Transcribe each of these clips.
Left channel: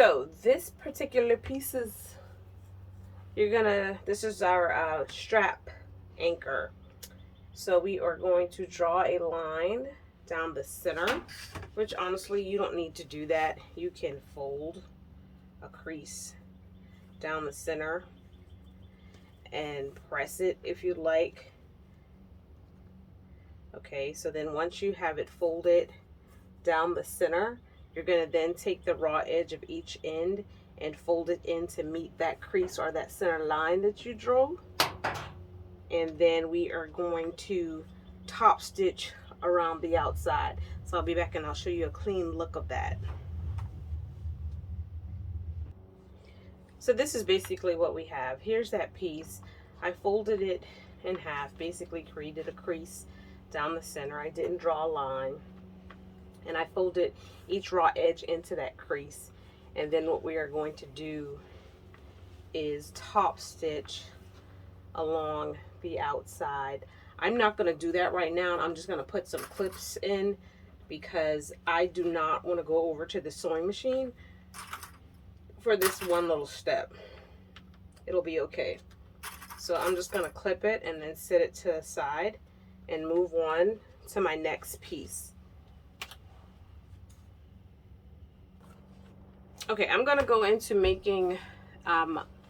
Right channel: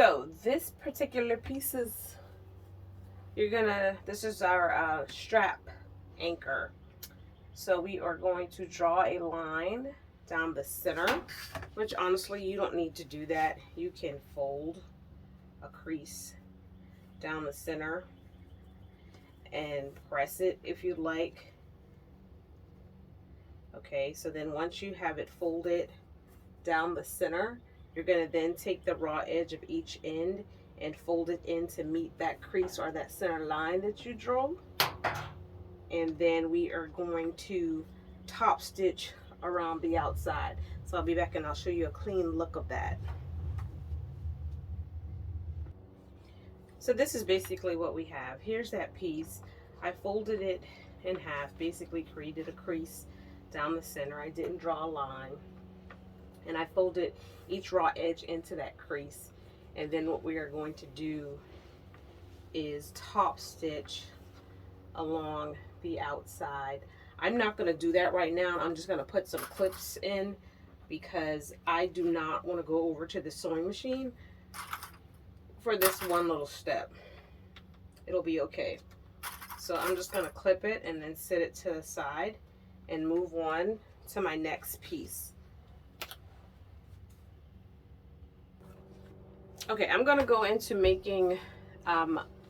So this particular piece is, this is our strap anchor. So we are going to draw a line down the center, which honestly you don't need to do that. You can fold a crease down the center and press it if you'd like. Okay, so then once you have it folded down the center, you're going to then take the raw edge of each end and fold it in to meet that crease or that center line that you drew. And then we are going to top stitch around the outside. So I'll be back and I'll show you a clean look of that. So this is basically what we have. Here's that piece. I folded it in half, basically created a crease down the center. I didn't draw a line. And I folded each raw edge into that crease. And then what we are going to do is top stitch along the outside. I'm not going to do that right now. I'm just going to put some clips in because I do not want to go over to the sewing machine for this one little step. It'll be okay. So I'm just going to clip it and then set it to the side and move on to my next piece. Okay, I'm going to go into making,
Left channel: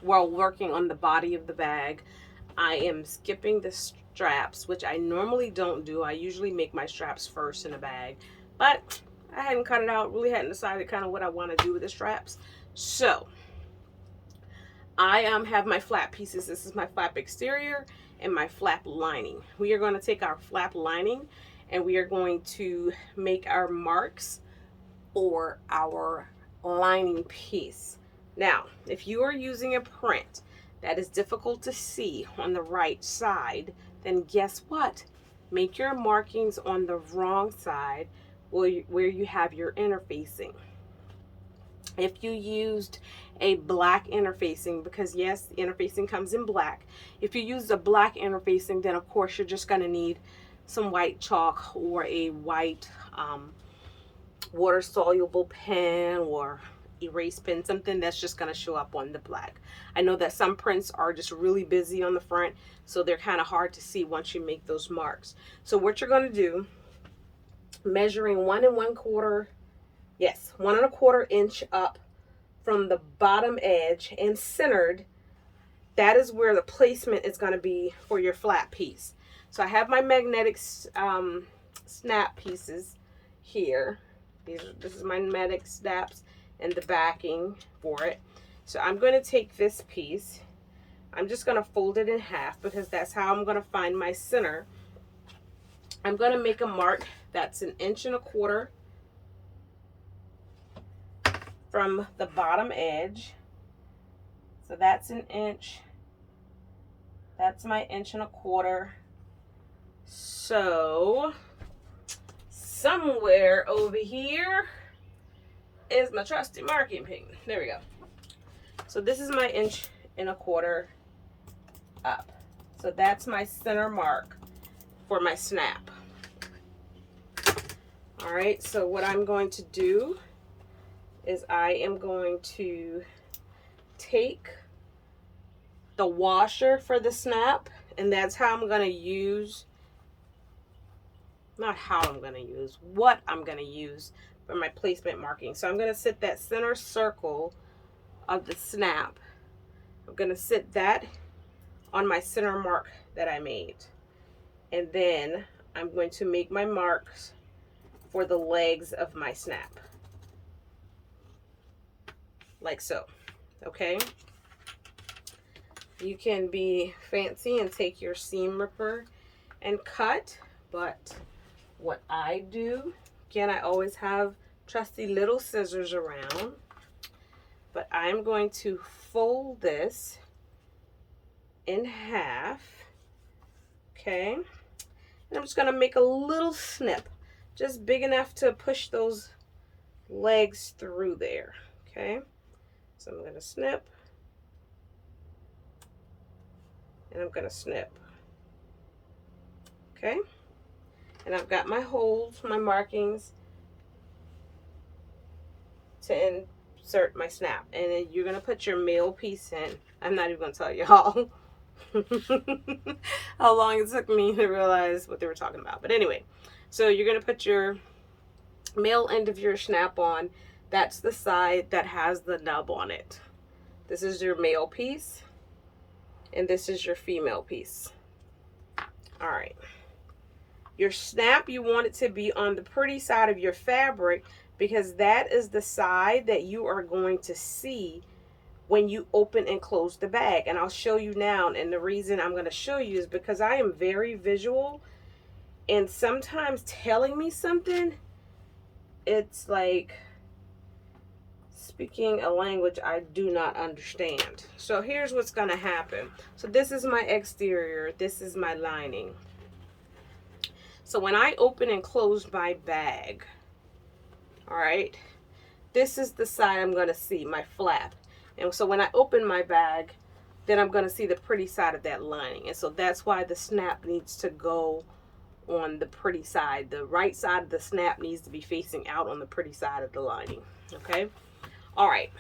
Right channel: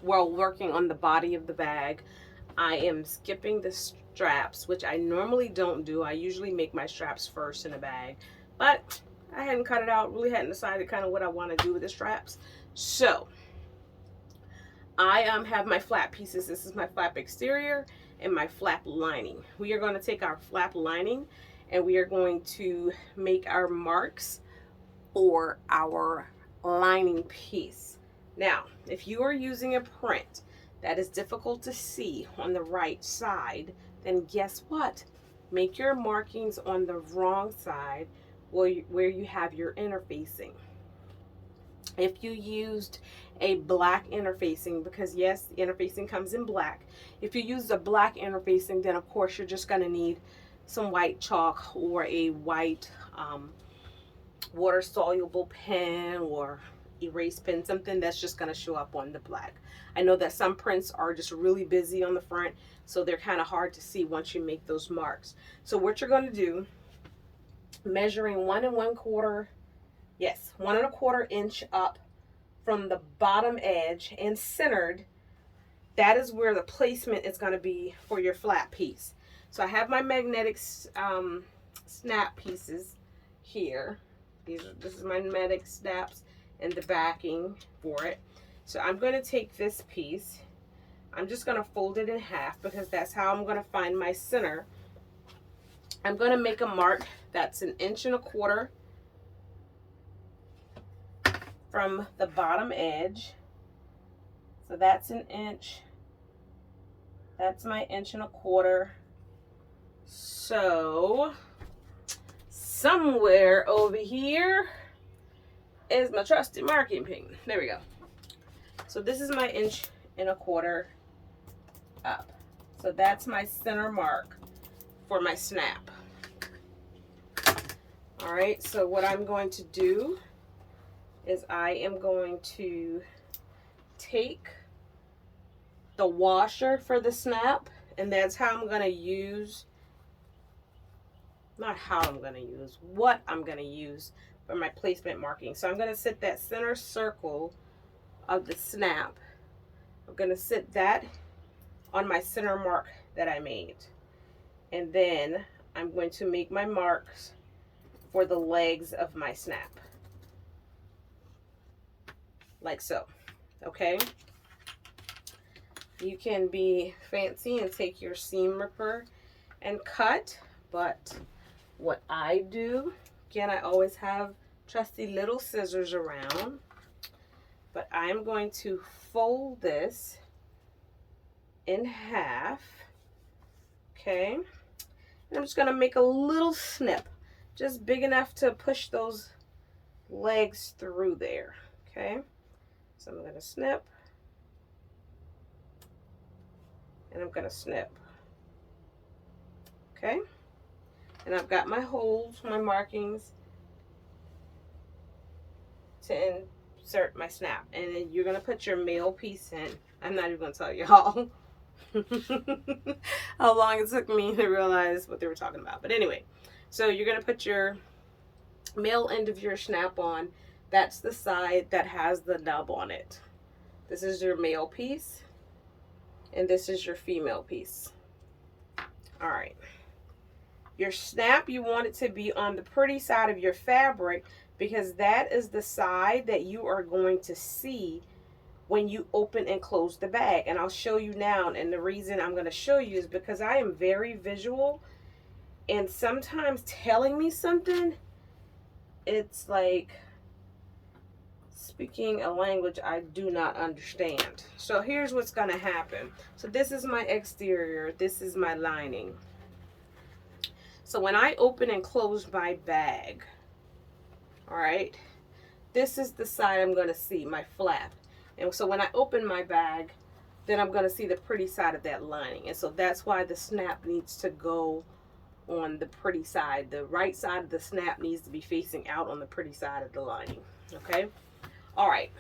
while working on the body of the bag, I am skipping the straps, which I normally don't do. I usually make my straps first in a bag, but I hadn't cut it out, really hadn't decided kind of what I want to do with the straps. So I have my flap pieces. This is my flap exterior and my flap lining. We are going to take our flap lining and we are going to make our marks for our lining piece. Now, if you are using a print that is difficult to see on the right side, then guess what? Make your markings on the wrong side where you have your interfacing. If you used a black interfacing, because yes, the interfacing comes in black. If you use the black interfacing, then of course you're just going to need some white chalk or a white water soluble pen or erase pen, something that's just going to show up on the black. I know that some prints are just really busy on the front, so they're kind of hard to see once you make those marks. So what you're going to do, measuring 1 1/4, yes, 1 1/4 inch up from the bottom edge and centered, that is where the placement is going to be for your flat piece. So I have my magnetic snap pieces here. This is my magnetic snaps and the backing for it. So I'm going to take this piece. I'm just going to fold it in half because that's how I'm going to find my center. I'm going to make a mark that's 1 1/4 inch from the bottom edge. So that's 1 inch. That's my 1 1/4 inch. So somewhere over here is my trusty marking pen. There we go. So this is my 1 1/4 inch up. So that's my center mark for my snap. All right, so what I'm going to do is I am going to take the washer for the snap, and that's how I'm going to use, not how I'm going to use, what I'm going to use for my placement marking. So I'm going to set that center circle of the snap. I'm going to set that on my center mark that I made. And then I'm going to make my marks for the legs of my snap. Like so. Okay? You can be fancy and take your seam ripper and cut, but what I do, again, I always have trusty little scissors around, but I'm going to fold this in half, okay? And I'm just going to make a little snip. just big enough to push those legs through there. Okay, so I'm going to snip, and I'm going to snip. Okay, and I've got my holes, my markings to insert my snap, and then you're going to put your male piece in. I'm not even going to tell y'all how long it took me to realize what they were talking about. But anyway, so you're going to put your male end of your snap on. That's the side that has the nub on it. This is your male piece, and this is your female piece. All right. Your snap, you want it to be on the pretty side of your fabric, because that is the side that you are going to see when you open and close the bag. And I'll show you now, and the reason I'm going to show you is because I am very visual, and sometimes telling me something, it's like speaking a language I do not understand. So here's what's going to happen. So this is my exterior, this is my lining. So when I open and close my bag, all right, this is the side I'm going to see, my flap. And so when I open my bag, then I'm going to see the pretty side of that lining. And so that's why the snap needs to go on the pretty side. The right side of the snap needs to be facing out on the pretty side of the lining. Okay? All right.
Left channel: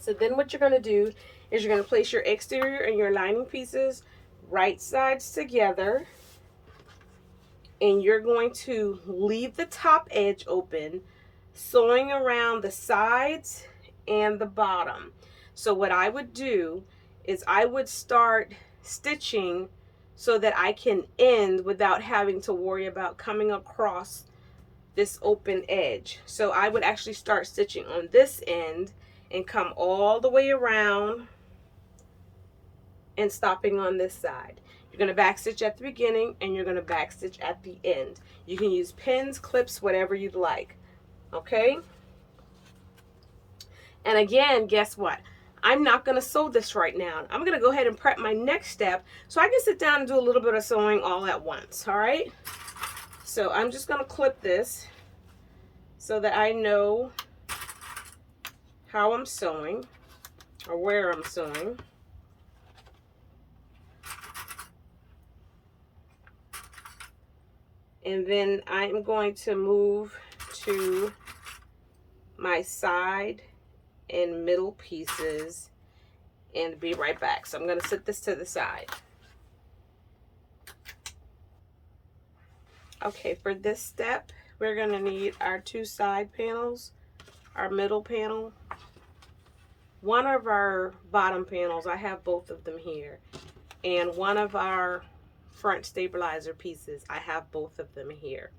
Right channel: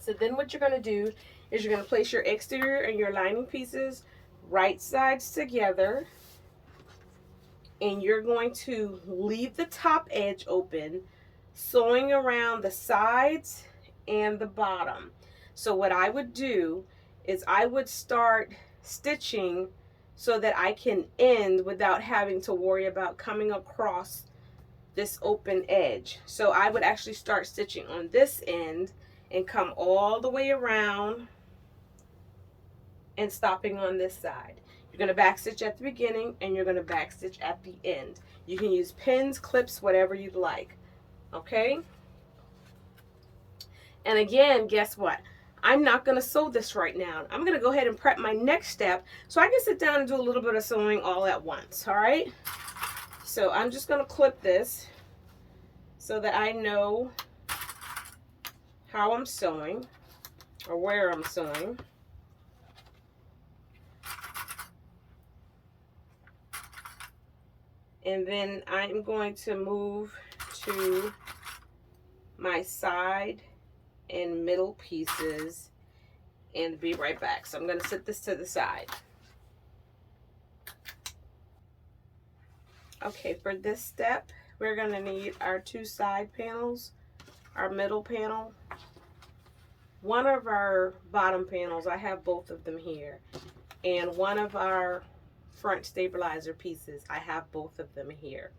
So then what you're going to do is you're going to place your exterior and your lining pieces right sides together. And you're going to leave the top edge open, sewing around the sides and the bottom. So what I would do is I would start stitching so that I can end without having to worry about coming across this open edge. So I would actually start stitching on this end and come all the way around and stopping on this side. You're going to backstitch at the beginning and you're going to backstitch at the end. You can use pins, clips, whatever you'd like. Okay? And again, guess what? I'm not going to sew this right now. I'm going to go ahead and prep my next step so I can sit down and do a little bit of sewing all at once. All right? So I'm just going to clip this so that I know how I'm sewing or where I'm sewing. And then I'm going to move to my side and middle pieces and be right back. So I'm going to set this to the side. Okay, for this step, we're going to need our two side panels, our middle panel, one of our bottom panels, I have both of them here, and one of our front stabilizer pieces, I have both of them here.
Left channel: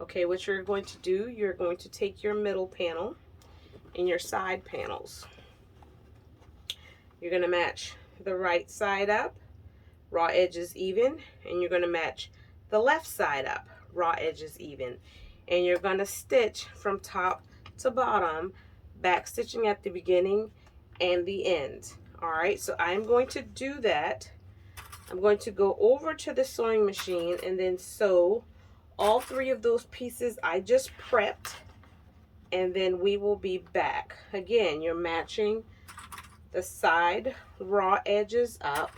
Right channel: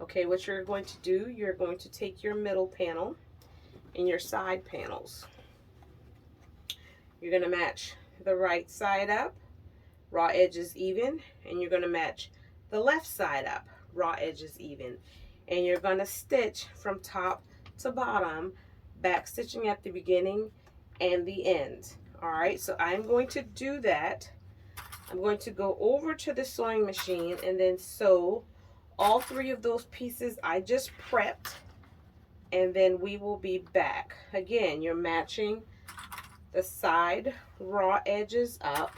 Okay, what you're going to do, you're going to take your middle panel and your side panels. You're going to match the right side up, raw edges even, and you're going to match the left side up, raw edges even. And you're going to stitch from top to bottom, back stitching at the beginning and the end. All right, so I'm going to do that. I'm going to go over to the sewing machine and then sew all three of those pieces I just prepped, and then we will be back. Again, you're matching the side raw edges up,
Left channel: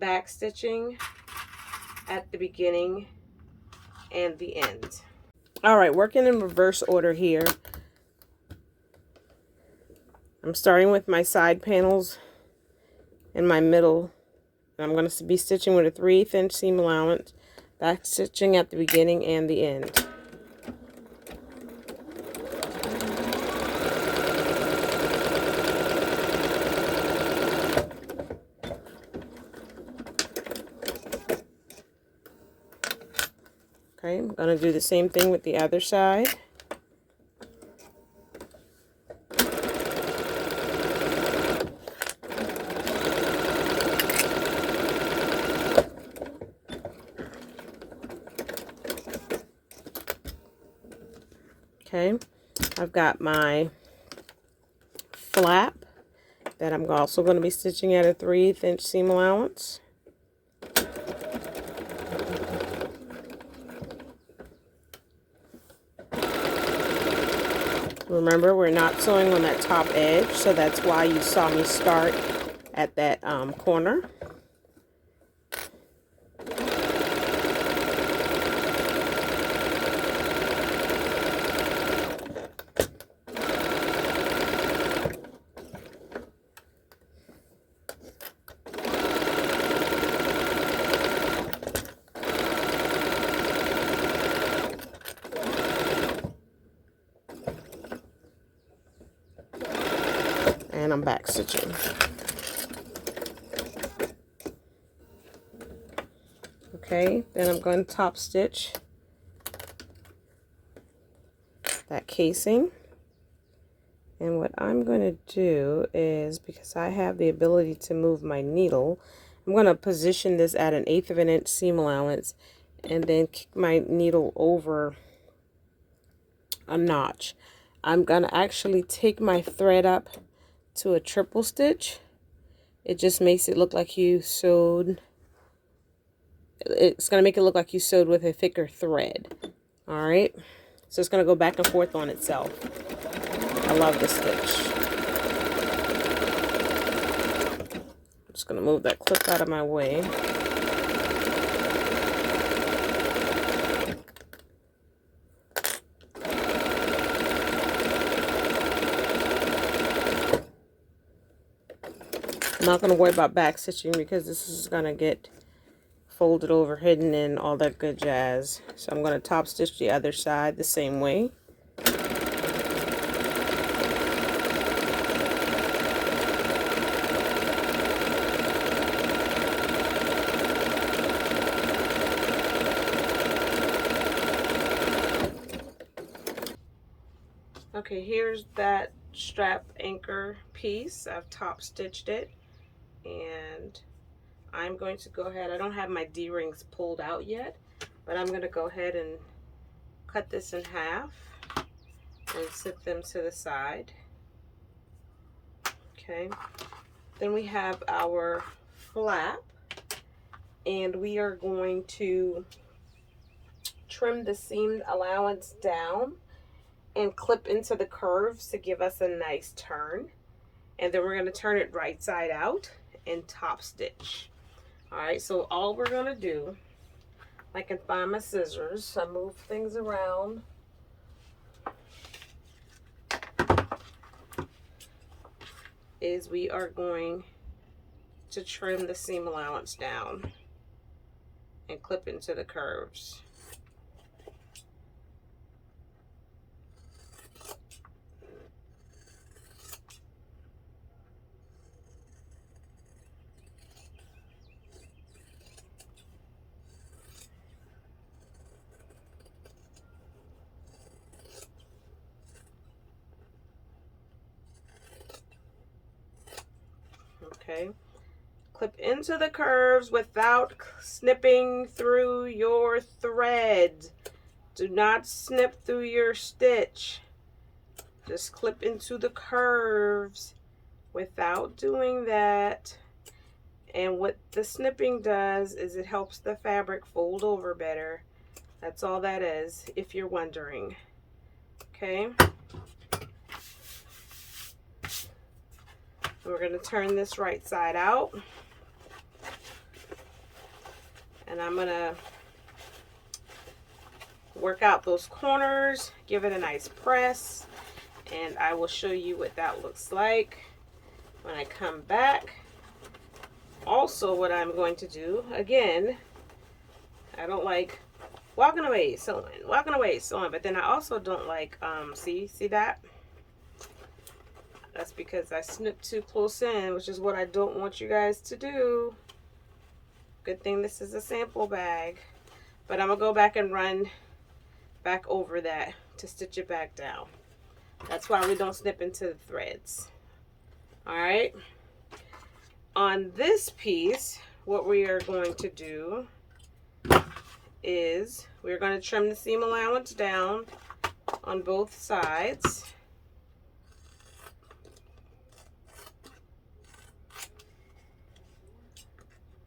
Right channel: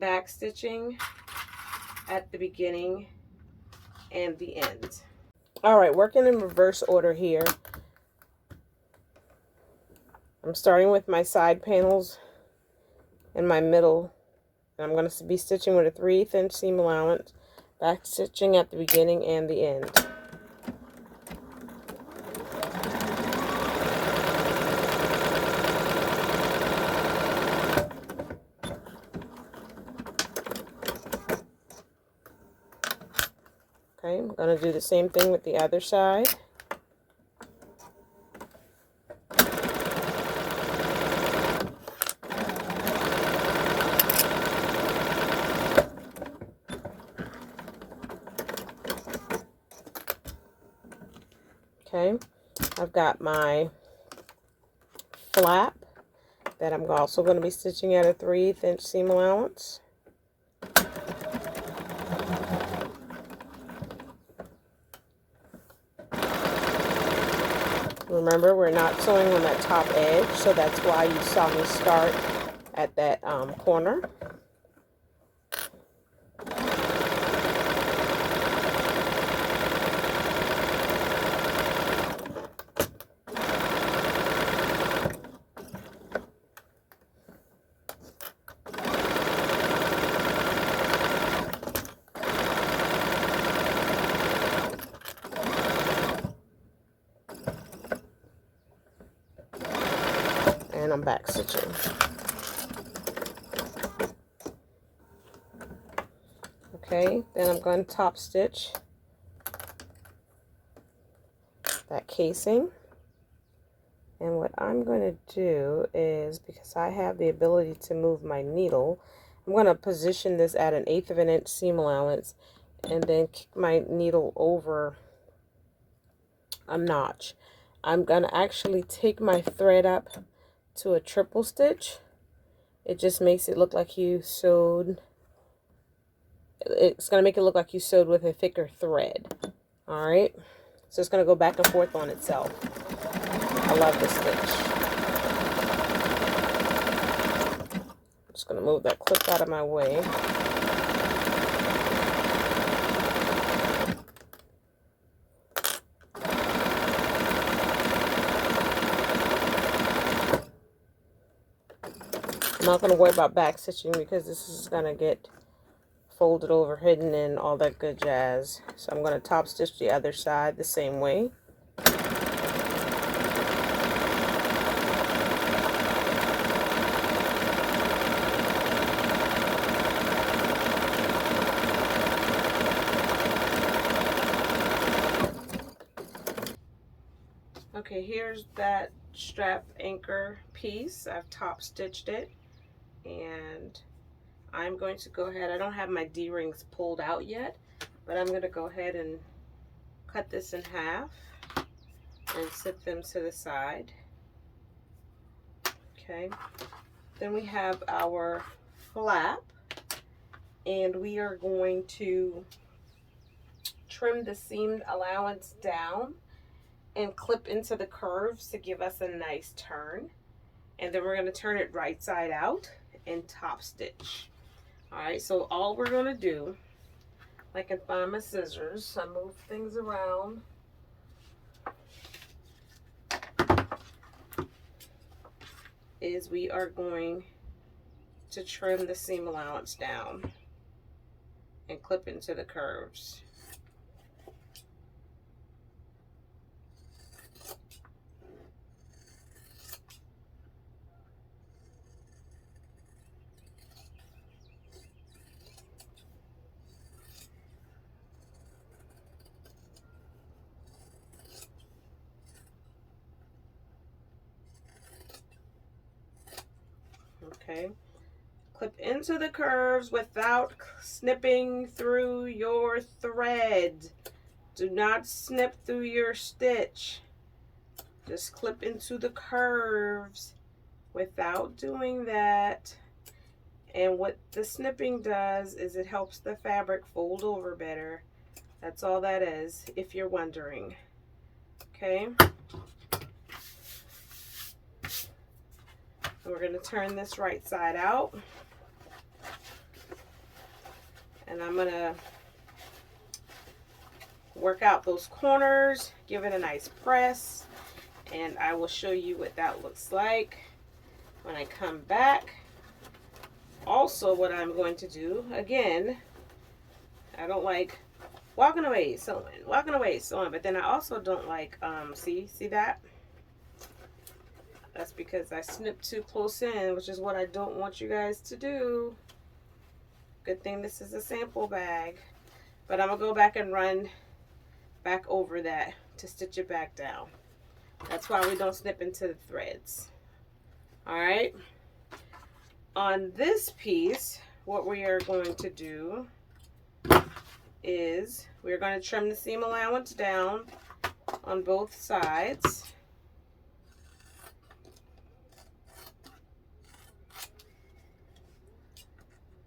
back stitching at the beginning and the end. All right, working in reverse order here. I'm starting with my side panels and my middle. I'm going to be stitching with a 3/8 inch seam allowance, back stitching at the beginning and the end. Okay, I'm going to do the same thing with the other side. Okay, I've got my flap that I'm also going to be stitching at a 3/8 inch seam allowance. Remember, we're not sewing on that top edge, so that's why you saw me start at that corner. And I'm back stitching. Okay, then I'm going to top stitch that casing. And what I'm going to do is, because I have the ability to move my needle, I'm going to position this at an 1/8 of an inch seam allowance and then kick my needle over a notch. I'm going to actually take my thread up to a triple stitch. It just makes it look like you sewed. It's going to make it look like you sewed with a thicker thread. All right, so it's going to go back and forth on itself. I love this stitch. I'm just going to move that clip out of my way. I'm not going to worry about back stitching because this is going to get folded over, hidden, and all that good jazz. So I'm going to top stitch the other side the same way. Okay, here's that strap anchor piece. I've top stitched it, and I'm going to go ahead. I don't have my D-rings pulled out yet, but I'm going to go ahead and cut this in half and sit them to the side. Okay, then we have our flap, and we are going to trim the seam allowance down and clip into the curves to give us a nice turn. And then we're going to turn it right side out and top stitch. All right, so all we're going to do, I can find my scissors, I move things around. Is we are going to trim the seam allowance down and clip into the curves. Okay, clip into the curves without snipping through your thread. Do not snip through your stitch. Just clip into the curves without doing that. And what the snipping does is it helps the fabric fold over better. That's all that is, if you're wondering. Okay. We're going to turn this right side out. And I'm going to work out those corners, give it a nice press, and I will show you what that looks like when I come back. Also, what I'm going to do, again, I don't like walking away sewing, but then I also don't like, see that? That's because I snipped too close in, which is what I don't want you guys to do. Good thing this is a sample bag. But I'm going to go back and run back over that to stitch it back down. That's why we don't snip into the threads. Alright. On this piece, what we are going to do is we're going to trim the seam allowance down on both sides.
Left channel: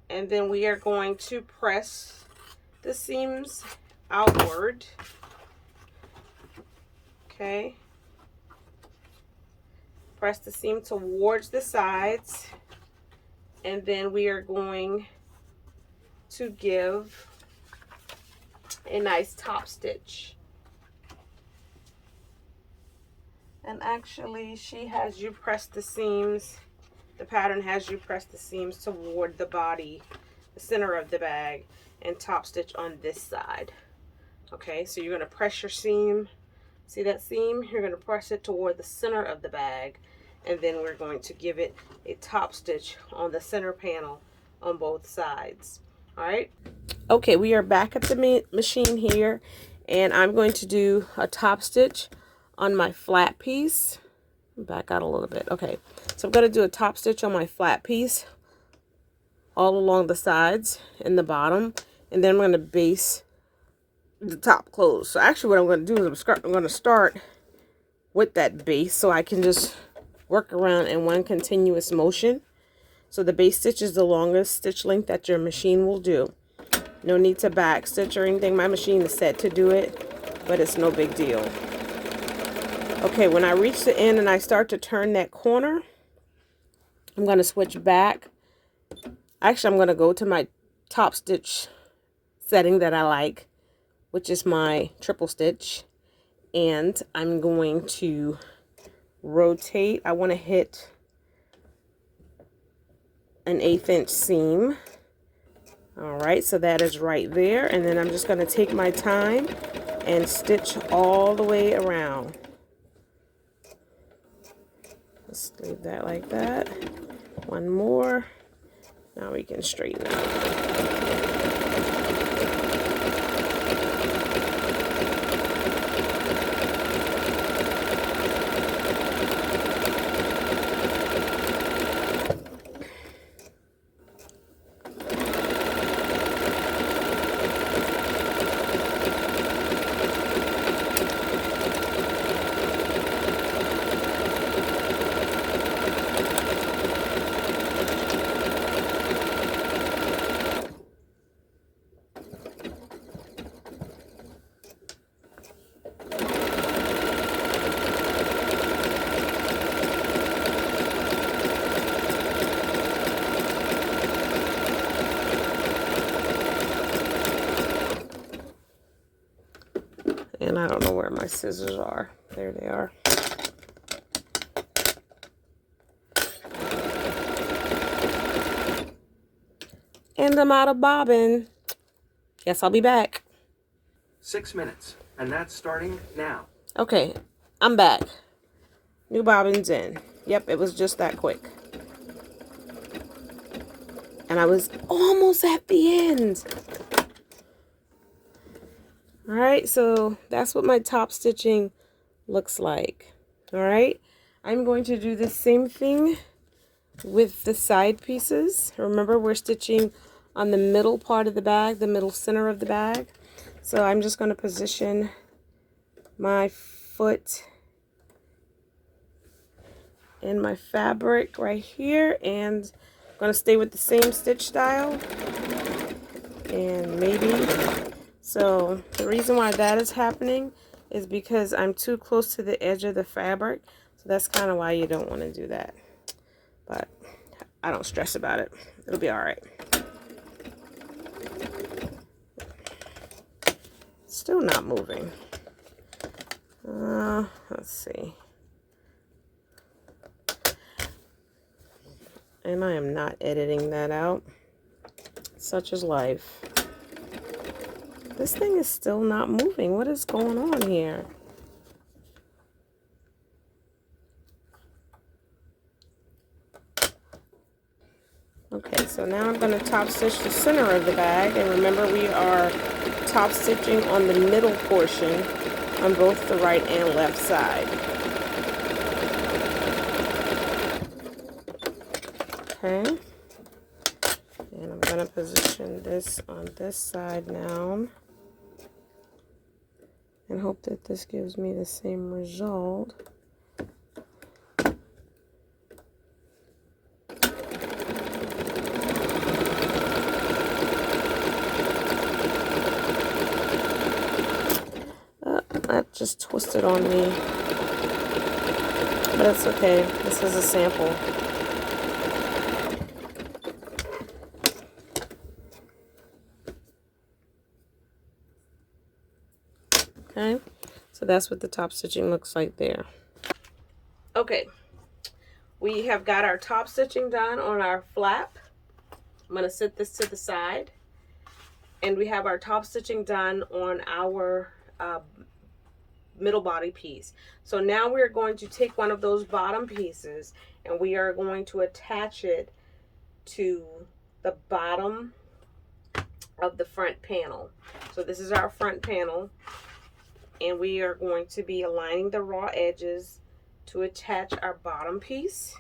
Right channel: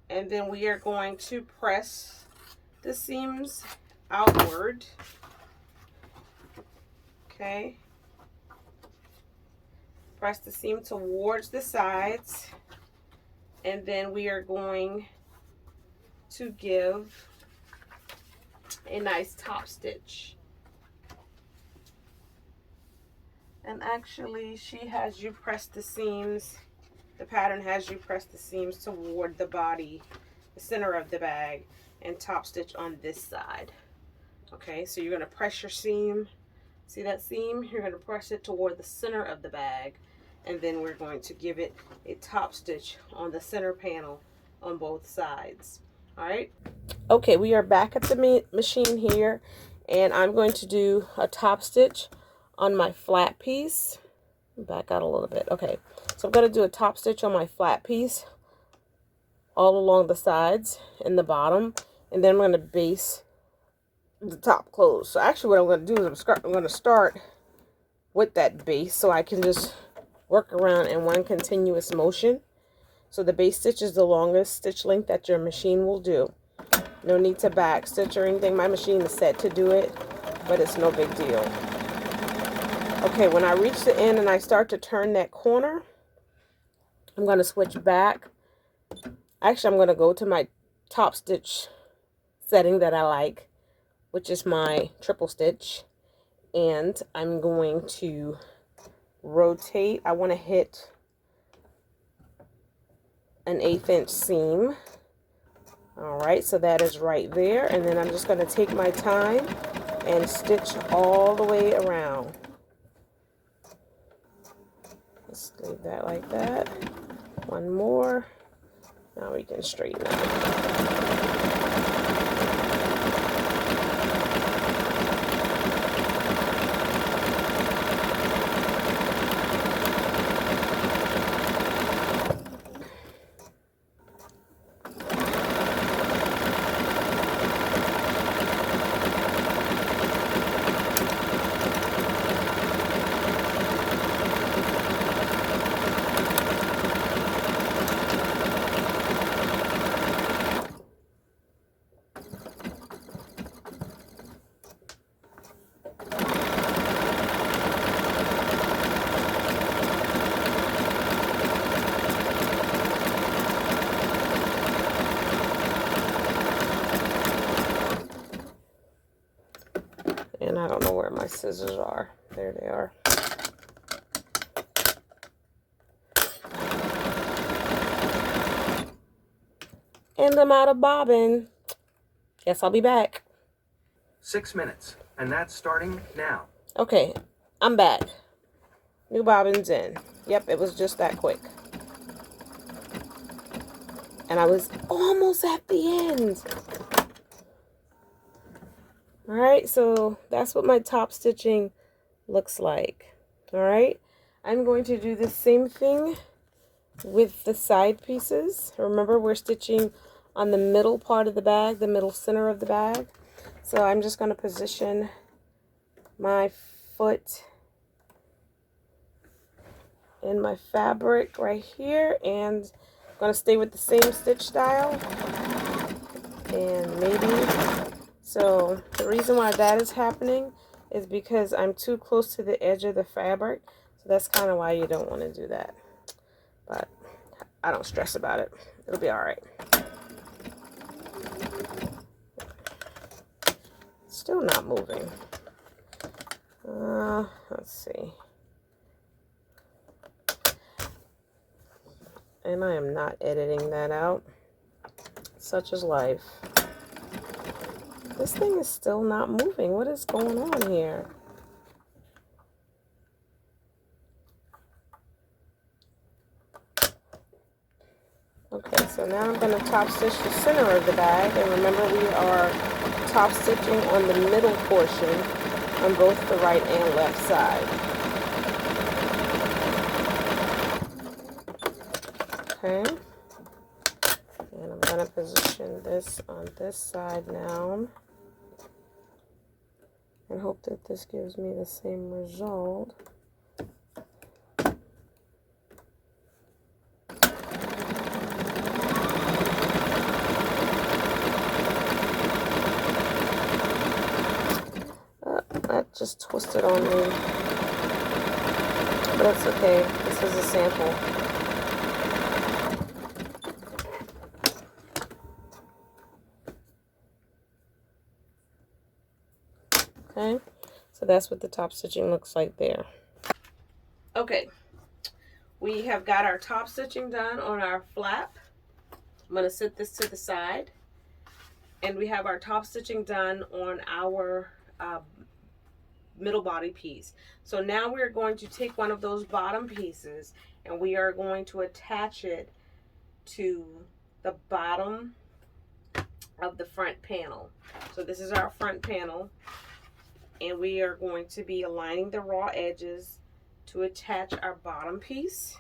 And then we are going to press the seams outward. Okay. press the seam towards the sides, and then we are going to give a nice top stitch. And actually, she has you press the seams, the pattern has you press the seams toward the body, the center of the bag, and top stitch on this side. Okay, so you're going to press your seam. See that seam? You're going to press it toward the center of the bag, and then we're going to give it a top stitch on the center panel on both sides. All right. Okay, we are back at the machine here, and I'm going to do a top stitch on my flat piece. Back out a little bit. Okay, so I'm going to do a top stitch on my flat piece all along the sides and the bottom, and then I'm going to base the top close. So actually what I'm going to do is I'm going to start with that base so I can just work around in one continuous motion. So the base stitch is the longest stitch length that your machine will do. No need to back stitch or anything. My machine is set to do it, but it's no big deal. Okay, when I reach the end and I start to turn that corner, I'm going to switch back. Actually, I'm going to go to my top stitch setting that I like, which is my triple stitch. And I'm going to rotate. I want to hit an 1/8 inch seam. All right, so that is right there. And then I'm just going to take my time and stitch all the way around. Just leave that like that. One more. Now we can straighten out. And I don't know where my scissors are. There they are. And I'm out of bobbin. Guess I'll be back. 6 minutes, and that's starting now. Okay, I'm back. New bobbins in. Yep, it was just that quick. And I was almost at the end. All right, so that's what my top stitching looks like. All right, I'm going to do the same thing with the side pieces. Remember, we're stitching on the middle part of the bag, the middle center of the bag. So I'm just going to position my foot in my fabric right here, and I'm going to stay with the same stitch style. And maybe, so the reason why that is happening is because I'm too close to the edge of the fabric. So that's kind of why you don't want to do that. But I don't stress about it. It'll be all right. Still not moving. Let's see. And I am not editing that out. Such is life. This thing is still not moving. What is going on here? Okay, so now I'm going to top stitch the center of the bag, and remember we are top stitching on the middle portion on both the right and left side. Okay, and I'm going to position this on this side now and hope that this gives me the same result. That just twisted on me. but it's okay. This is a sample. Okay, so that's what the top stitching looks like there. Okay, we have got our top stitching done on our flap. I'm going to set this to the side. And we have our top stitching done on our middle body piece. So now we're going to take one of those bottom pieces and we are going to attach it to the bottom of the front panel. So this is our front panel, and we are going to be aligning the raw edges to attach our bottom piece,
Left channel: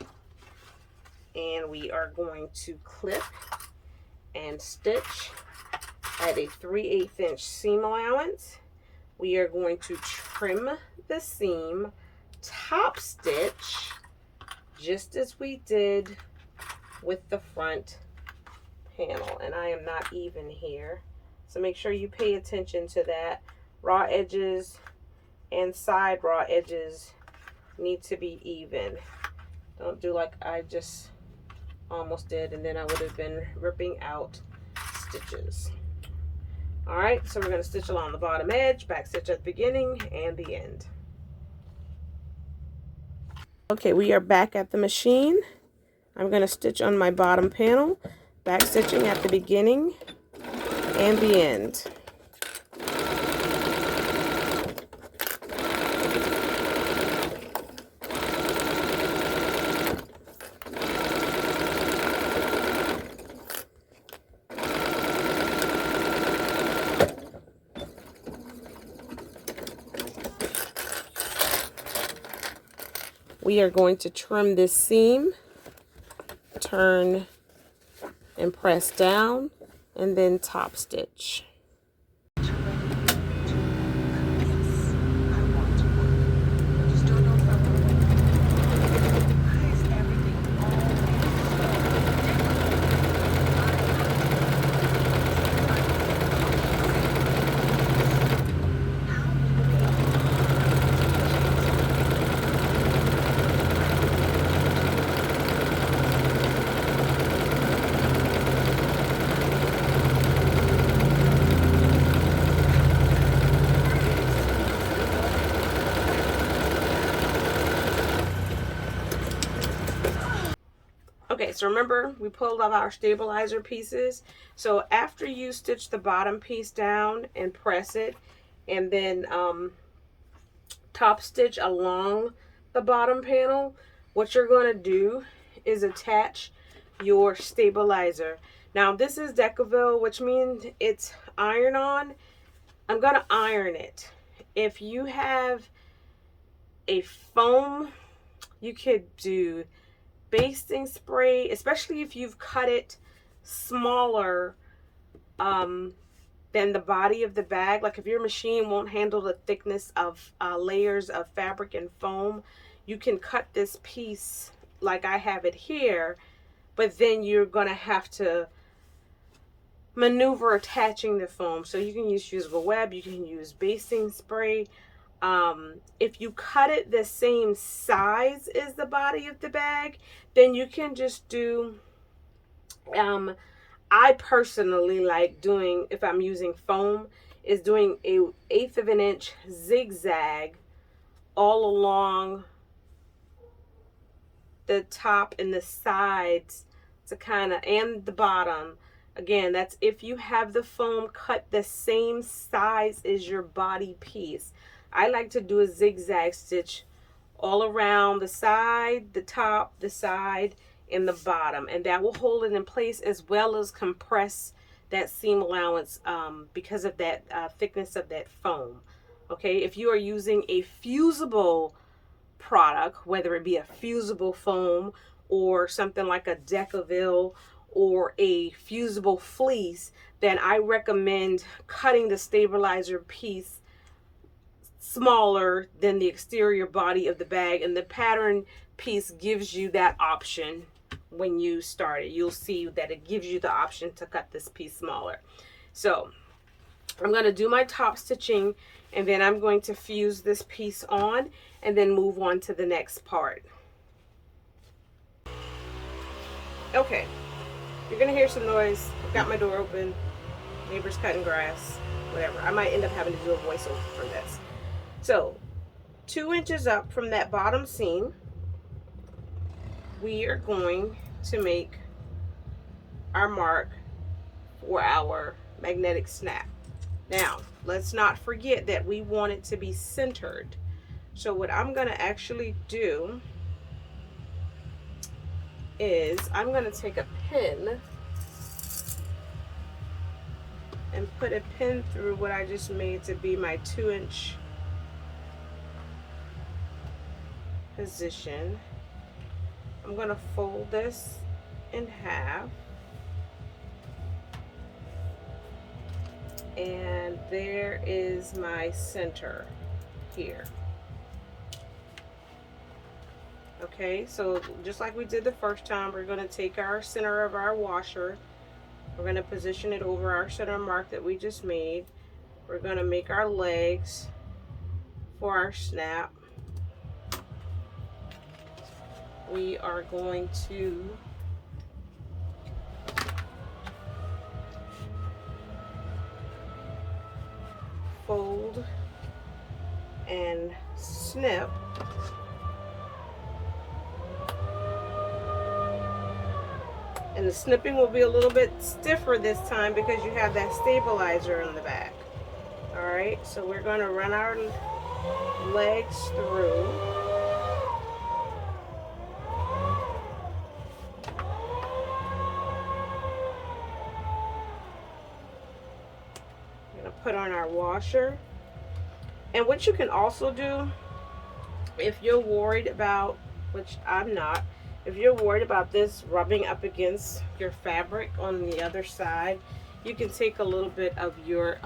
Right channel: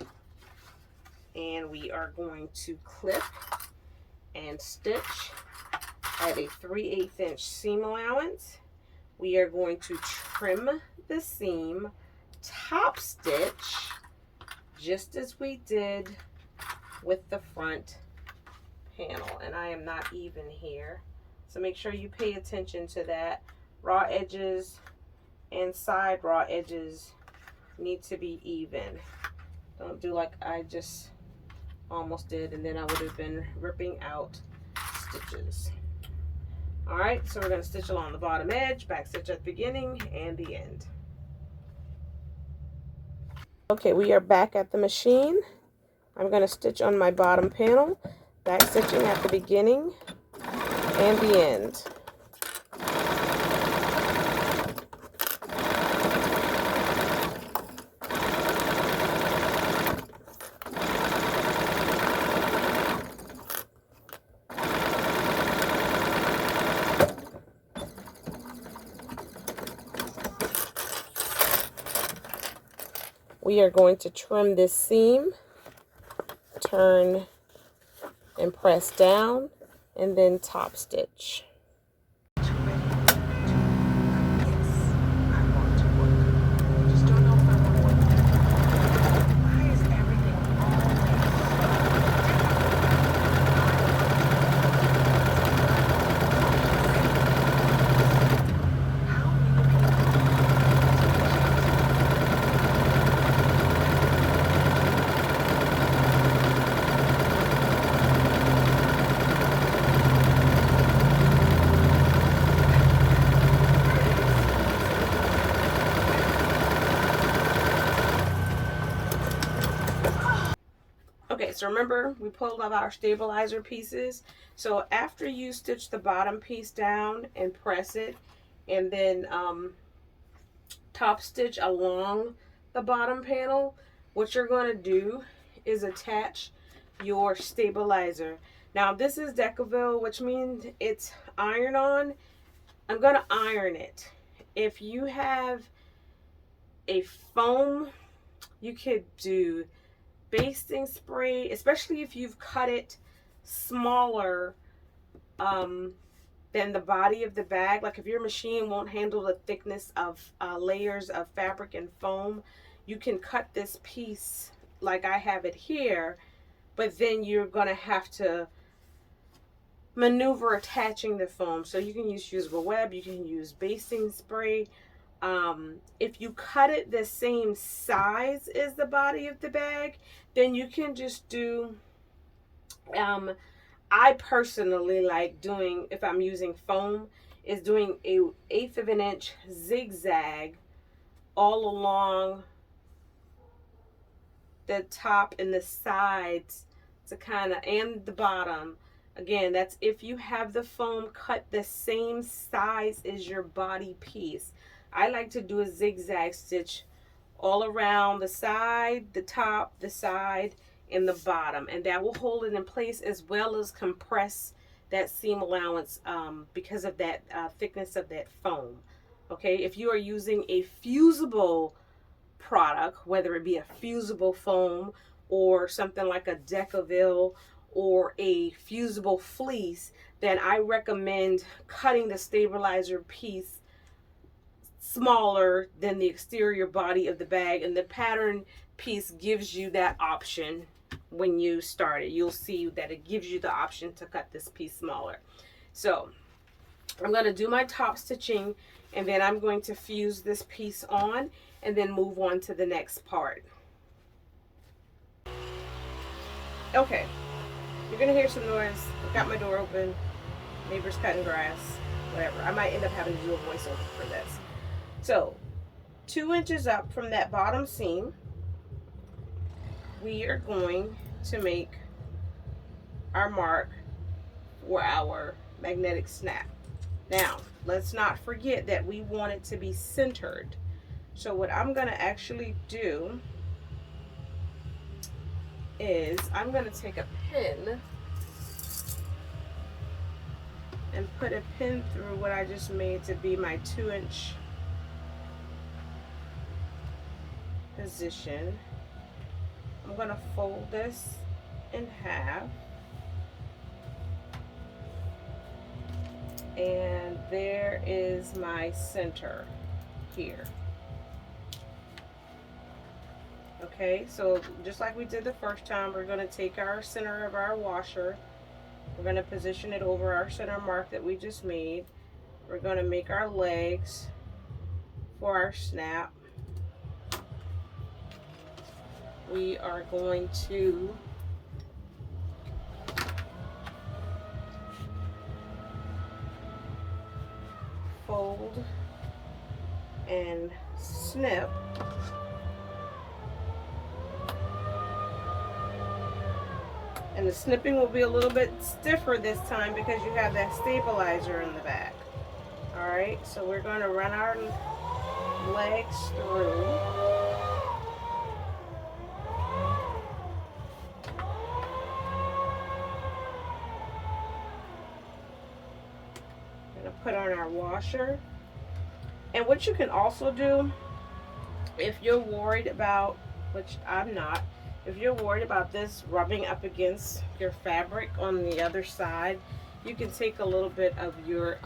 and we are going to clip and stitch at a 3/8 inch seam allowance. We are going to trim the seam, top stitch, just as we did with the front panel. And I am not even here, so make sure you pay attention to that. Raw edges and side raw edges need to be even. Don't do like I just almost did, and then I would have been ripping out stitches. All right, so we're going to stitch along the bottom edge, back stitch at the beginning and the end. Okay, we are back at the machine. I'm going to stitch on my bottom panel, back stitching at the beginning and the end. We are going to trim this seam, turn and press down, and then top stitch. Okay, so remember we pulled up our stabilizer pieces. So after you stitch the bottom piece down and press it, and then top stitch along the bottom panel, what you're going to do is attach your stabilizer. Now this is Decaville, which means it's iron on. I'm going to iron it. If you have a foam, you could do basting spray, especially if you've cut it smaller than the body of the bag. Like if your machine won't handle the thickness of layers of fabric and foam, you can cut this piece like I have it here, but then you're gonna have to maneuver attaching the foam. So you can use fusible web, you can use basting spray. If you cut it the same size as the body of the bag, then you can just do, I personally like doing, if I'm using foam, is doing a 1/8 of an inch zigzag all along the top and the sides to kind of, and the bottom. Again, that's if you have the foam cut the same size as your body piece. I like to do a zigzag stitch all around the side, the top, the side, and the bottom, and that will hold it in place as well as compress that seam allowance because of that thickness of that foam. Okay, if you are using a fusible product, whether it be a fusible foam or something like a Decaville or a fusible fleece, then I recommend cutting the stabilizer piece smaller than the exterior body of the bag, and the pattern piece gives you that option. When you start it, you'll see that it gives you the option to cut this piece smaller. So I'm going to do my top stitching, and then I'm going to fuse this piece on, and then move on to the next part. Okay, you're gonna hear some noise. I've got my door open, neighbors cutting grass, whatever. I might end up having to do a voiceover for this. So 2 inches up from that bottom seam, we are going to make our mark for our magnetic snap. Now, let's not forget that we want it to be centered. So what I'm going to actually do is I'm going to take a pin and put a pin through what I just made to be my 2-inch position. I'm going to fold this in half, and there is my center here. Okay, so just like we did the first time, we're going to take our center of our washer, we're going to position it over our center mark that we just made. We're going to make our legs for our snap. We are going to fold and snip. And the snipping will be a little bit stiffer this time because you have that stabilizer in the back. All right, so we're going to run our legs through. We're going to put on our washer. And what you can also do, if you're worried about, which I'm not, if you're worried about this rubbing up against your fabric on the other side, you can take a little bit of your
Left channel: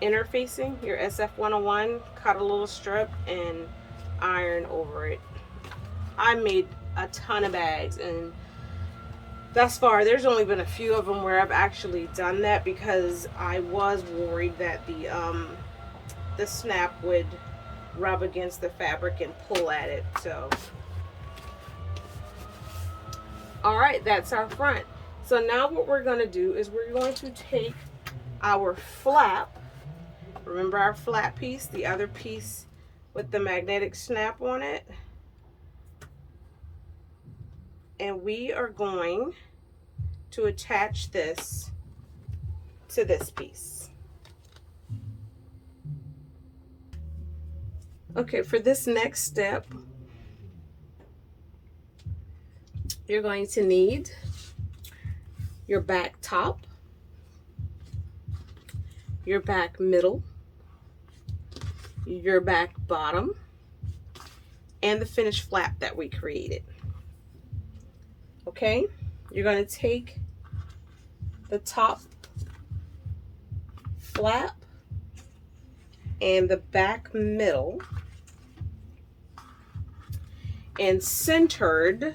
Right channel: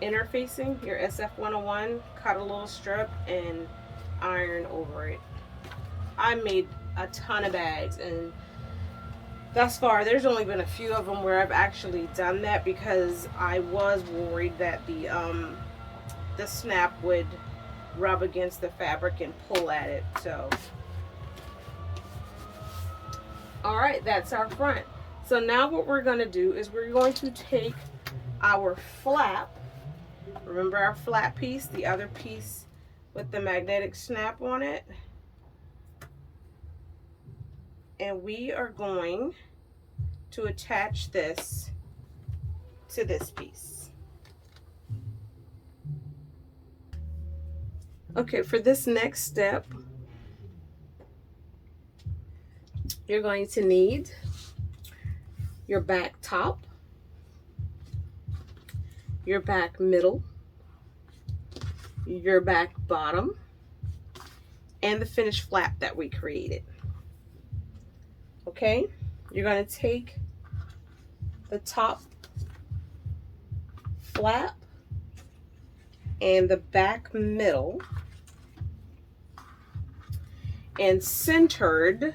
interfacing, your SF101, cut a little strip and iron over it. I made a ton of bags, and thus far there's only been a few of them where I've actually done that because I was worried that the snap would rub against the fabric and pull at it. So all right, that's our front. So now what we're going to do is we're going to take our flap. Remember our flat piece, the other piece with the magnetic snap on it, and we are going to attach this to this piece. Okay, for this next step, you're going to need your back top, your back middle, your back bottom, and the finished flap that we created. Okay, you're going to take the top flap and the back middle and centered.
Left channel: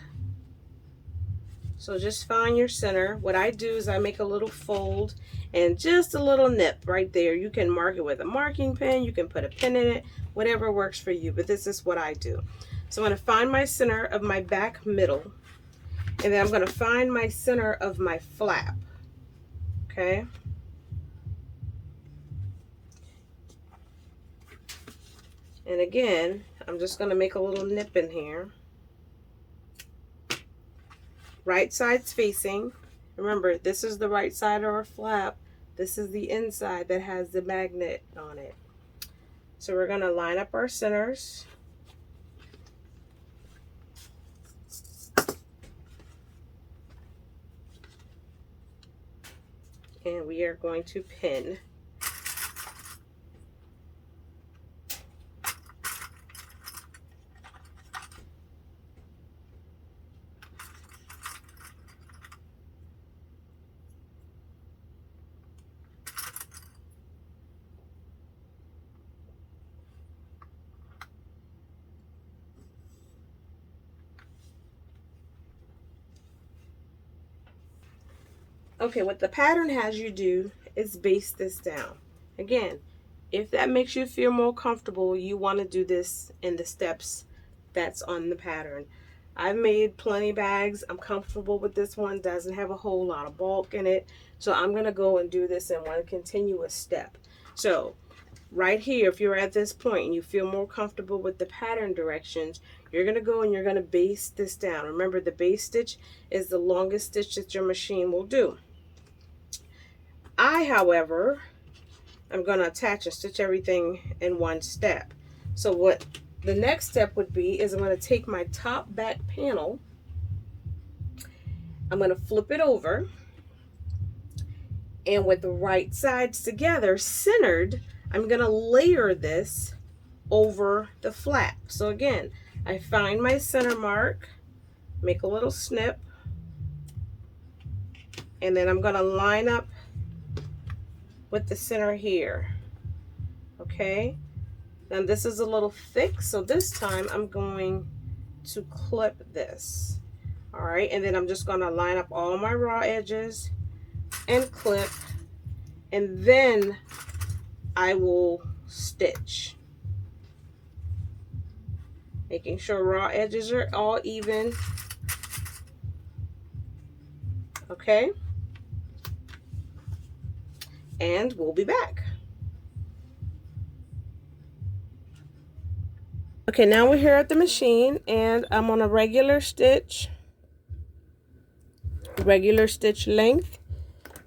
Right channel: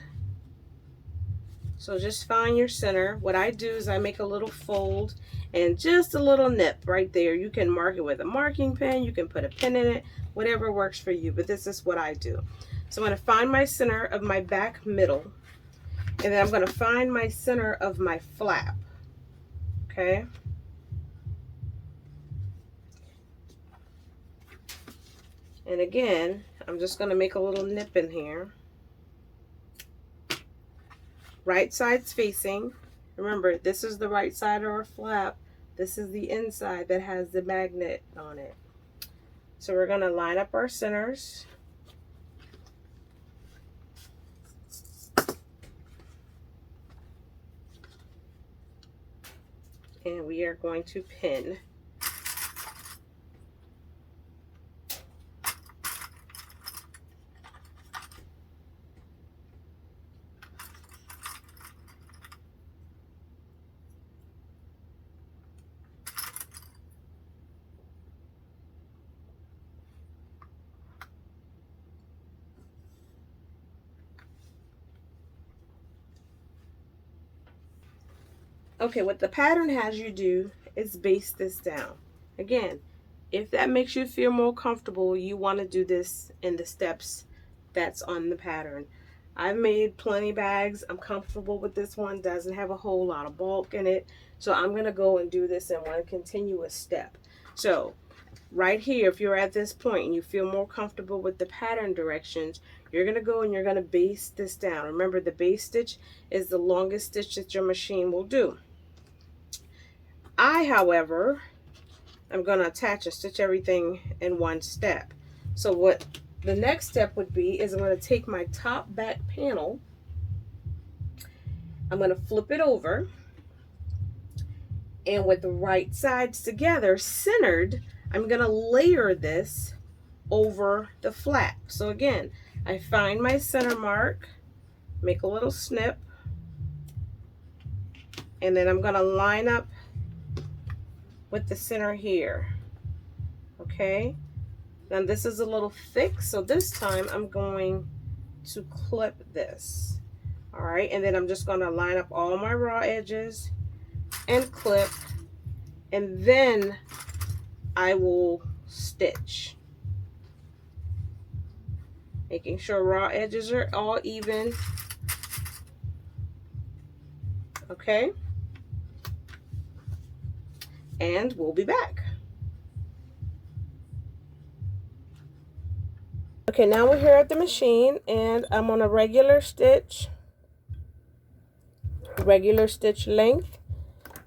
So just find your center. What I do is I make a little fold and just a little nip right there. You can mark it with a marking pen, you can put a pin in it, whatever works for you, but this is what I do. So I'm going to find my center of my back middle, and then I'm going to find my center of my flap. Okay? And again, I'm just going to make a little nip in here. Right side's facing. Remember, this is the right side of our flap. This is the inside that has the magnet on it. So we're going to line up our centers. And we are going to pin. Okay, what the pattern has you do is base this down. Again, If that makes you feel more comfortable, you want to do this in the steps that's on the pattern. I've made plenty bags. I'm comfortable with this one. Doesn't have a whole lot of bulk in it. So I'm going to go and do this in one continuous step. So right here, if you're at this point and you feel more comfortable with the pattern directions, you're going to go and you're going to baste this down. Remember, the base stitch is the longest stitch that your machine will do. However, I'm going to attach and stitch everything in one step. So what the next step would be is I'm going to take my top back panel, I'm going to flip it over, and with the right sides together, centered, I'm going to layer this over the flap. So again, I find my center mark, make a little snip, and then I'm going to line up with the center here. Okay, now this is a little thick, so this time I'm going to clip this. All right, and then I'm just going to line up all my raw edges and clip, and then I will stitch, making sure raw edges are all even. Okay, and we'll be back. Okay, now we're here at the machine, and I'm on a regular stitch length,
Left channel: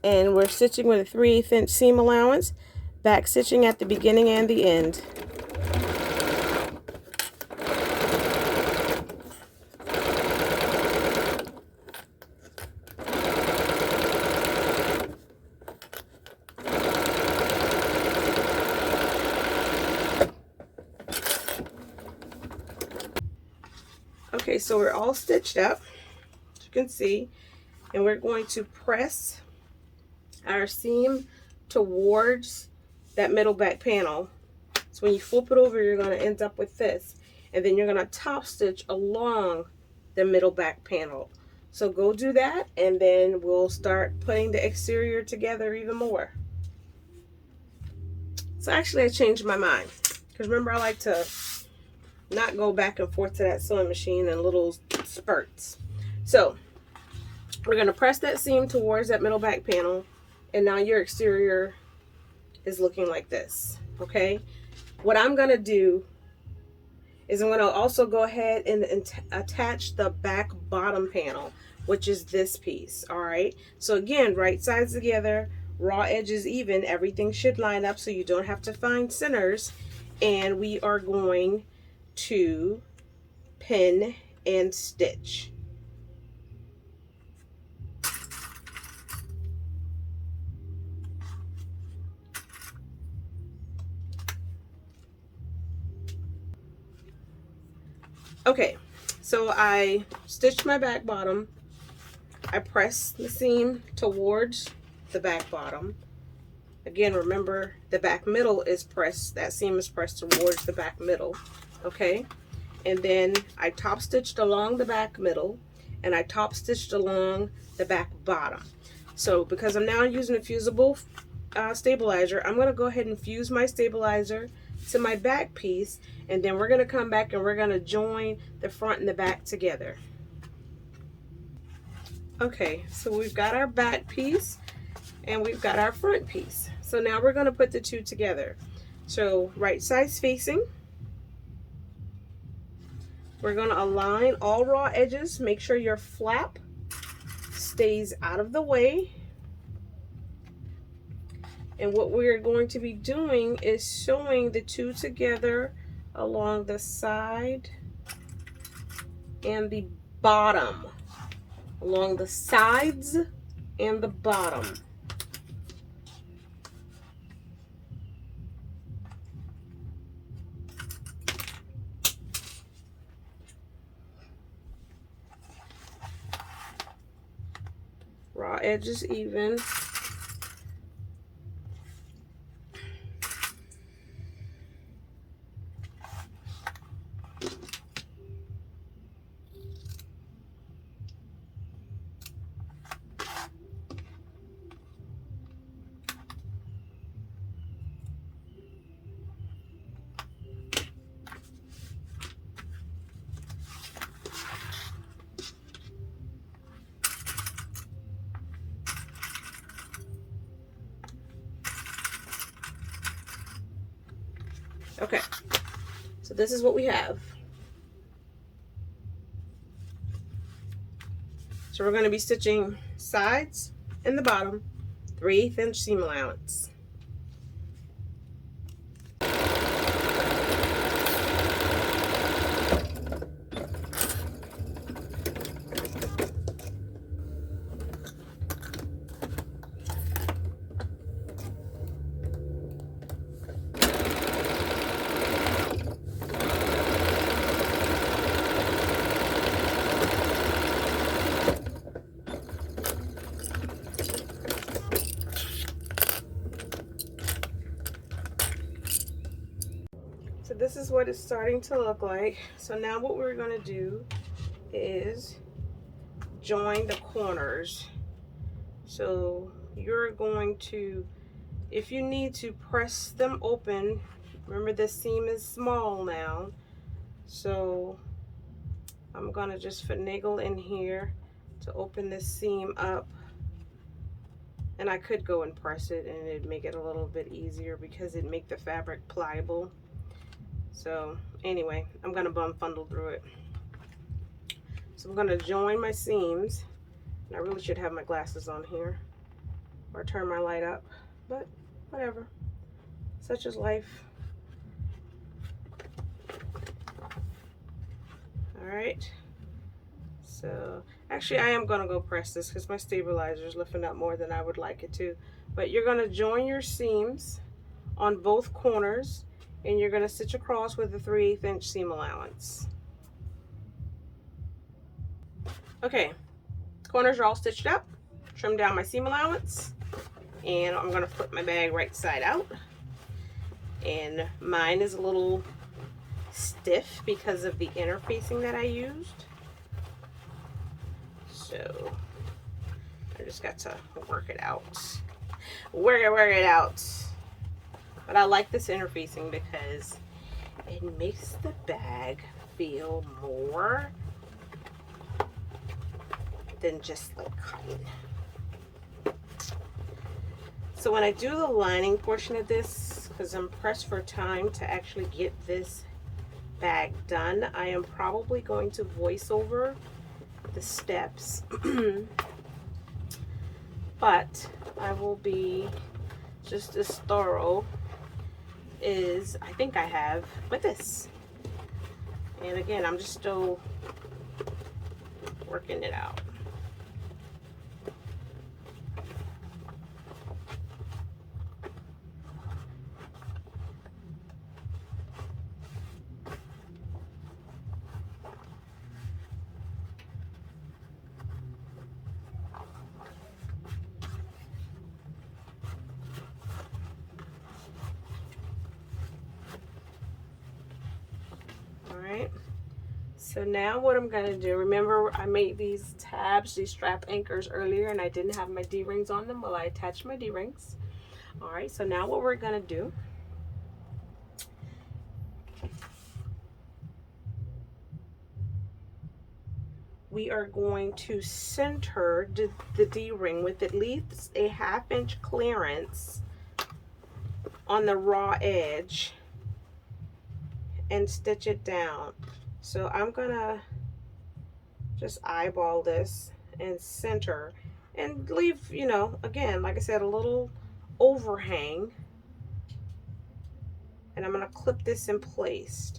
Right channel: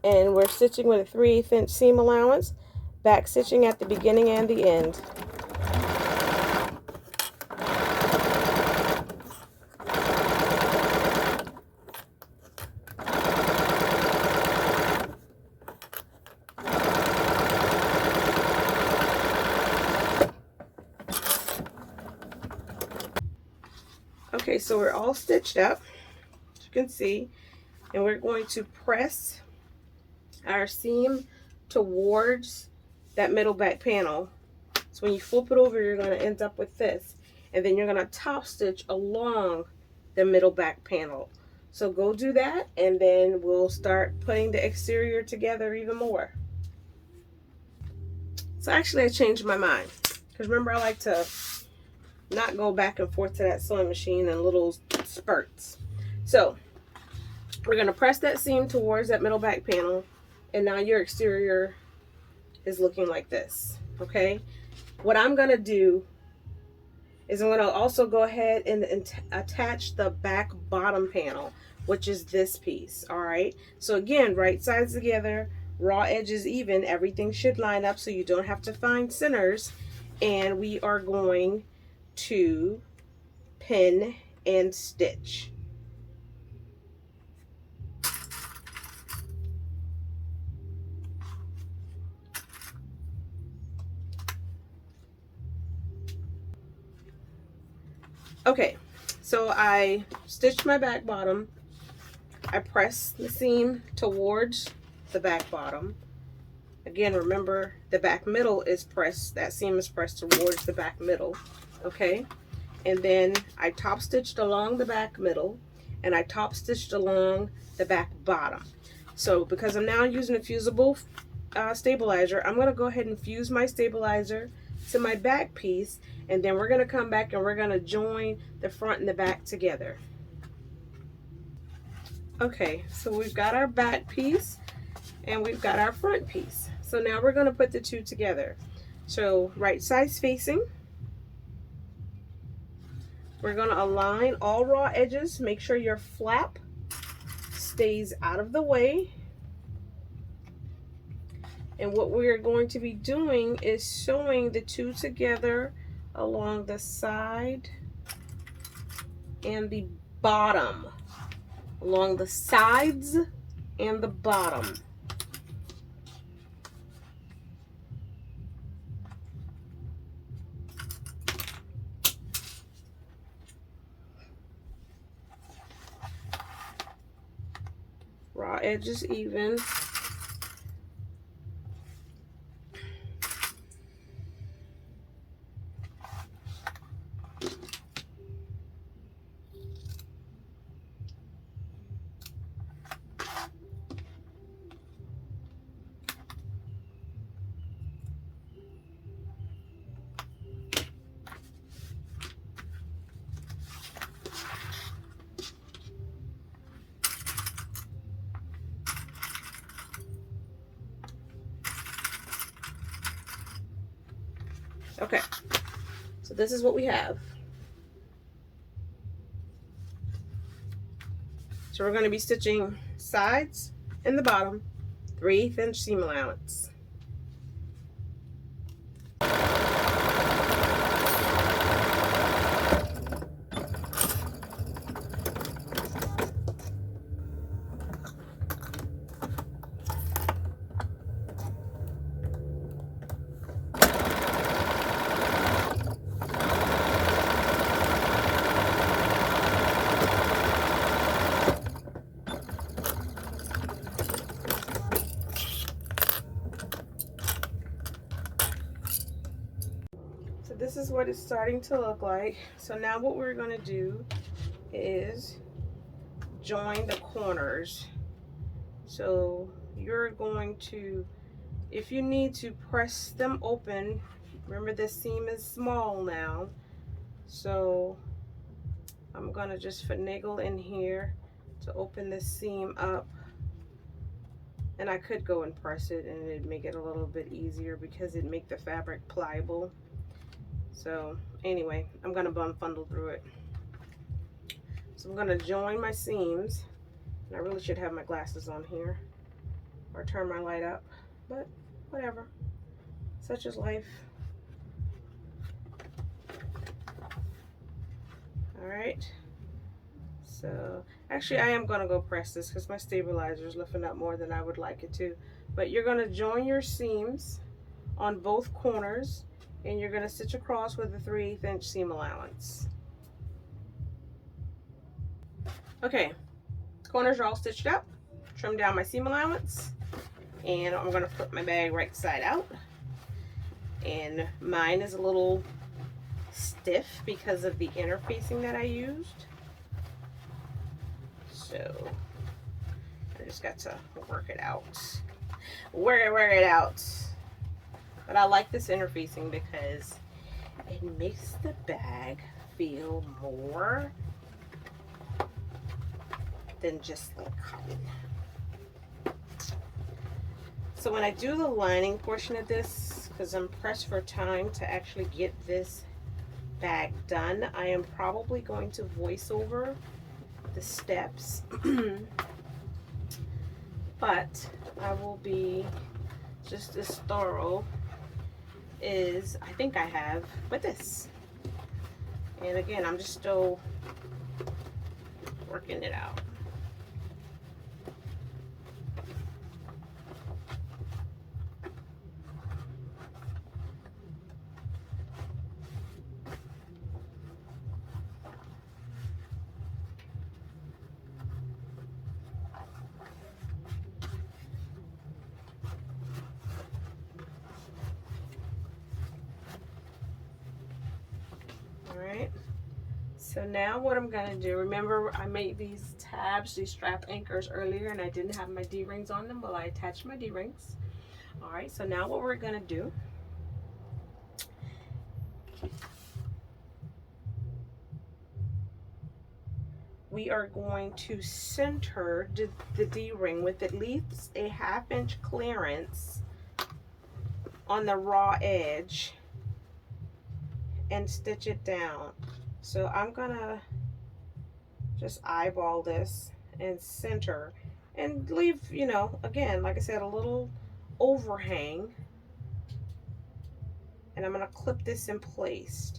and we're stitching with a 3/8 inch seam allowance, back stitching at the beginning and the end. Okay, so we're all stitched up, as you can see, and we're going to press our seam towards that middle back panel. So when you flip it over, you're going to end up with this, and then you're going to top stitch along the middle back panel. So go do that, and then we'll start putting the exterior together even more. So actually I changed my mind, because remember, I like to not go back and forth to that sewing machine in little spurts. So we're going to press that seam towards that middle back panel, and now your exterior is looking like this. Okay, what I'm going to do is I'm going to also go ahead and attach the back bottom panel, which is this piece. All right, so again, right sides together, raw edges even, everything should line up so you don't have to find centers, and we are going to pin and stitch. Okay, so I stitched my back bottom, I pressed the seam towards the back bottom. Again, remember, the back middle is pressed, that seam is pressed towards the back middle. Okay, and then I top stitched along the back middle, and I top stitched along the back bottom. So because I'm now using a fusible stabilizer, I'm going to go ahead and fuse my stabilizer to my back piece, and then we're going to come back and we're going to join the front and the back together. Okay, so we've got our back piece and we've got our front piece. So now we're going to put the two together. So right sides facing, we're going to align all raw edges. Make sure your flap stays out of the way. And what we're going to be doing is sewing the two together along the side and the bottom. Along the sides and the bottom. Raw edges even. Okay, so this is what we have. So we're going to be stitching sides and the bottom, 3/8 inch seam allowance. So this is what it's starting to look like. So now what we're going to do is join the corners. So you're going to, if you need to, press them open. Remember, this seam is small now, so I'm going to just finagle in here to open this seam up. And I could go and press it and it'd make it a little bit easier because it'd make the fabric pliable. So anyway, I'm going to bumfundle through it. So I'm going to join my seams, and I really should have my glasses on here or turn my light up, but whatever, such is life. All right, so actually I am going to go press this because my stabilizer is lifting up more than I would like it to. But you're going to join your seams on both corners, and you're going to stitch across with a 3/8 inch seam allowance. Okay, corners are all stitched up. Trim down my seam allowance, and I'm going to flip my bag right side out. And mine is a little stiff because of the interfacing that I used. So I just got to work it out. Work it out. But I like this interfacing because it makes the bag feel more than just like cotton. So when I do the lining portion of this, because I'm pressed for time to actually get this bag done, I am probably going to voice over the steps. But I will be just as thorough as I think I have with this. And again, I'm just still working it out. Alright, so now what I'm going to do, remember I made these tabs, these strap anchors earlier, and I didn't have my D-rings on them. Well, I attached my D-rings. Alright, so now what we're going to do, we are going to center the D-ring with at least a 1/2 inch clearance on the raw edge and stitch it down. So I'm gonna just eyeball this and center and leave, you know, again, like I said, a little overhang, and I'm gonna clip this in place,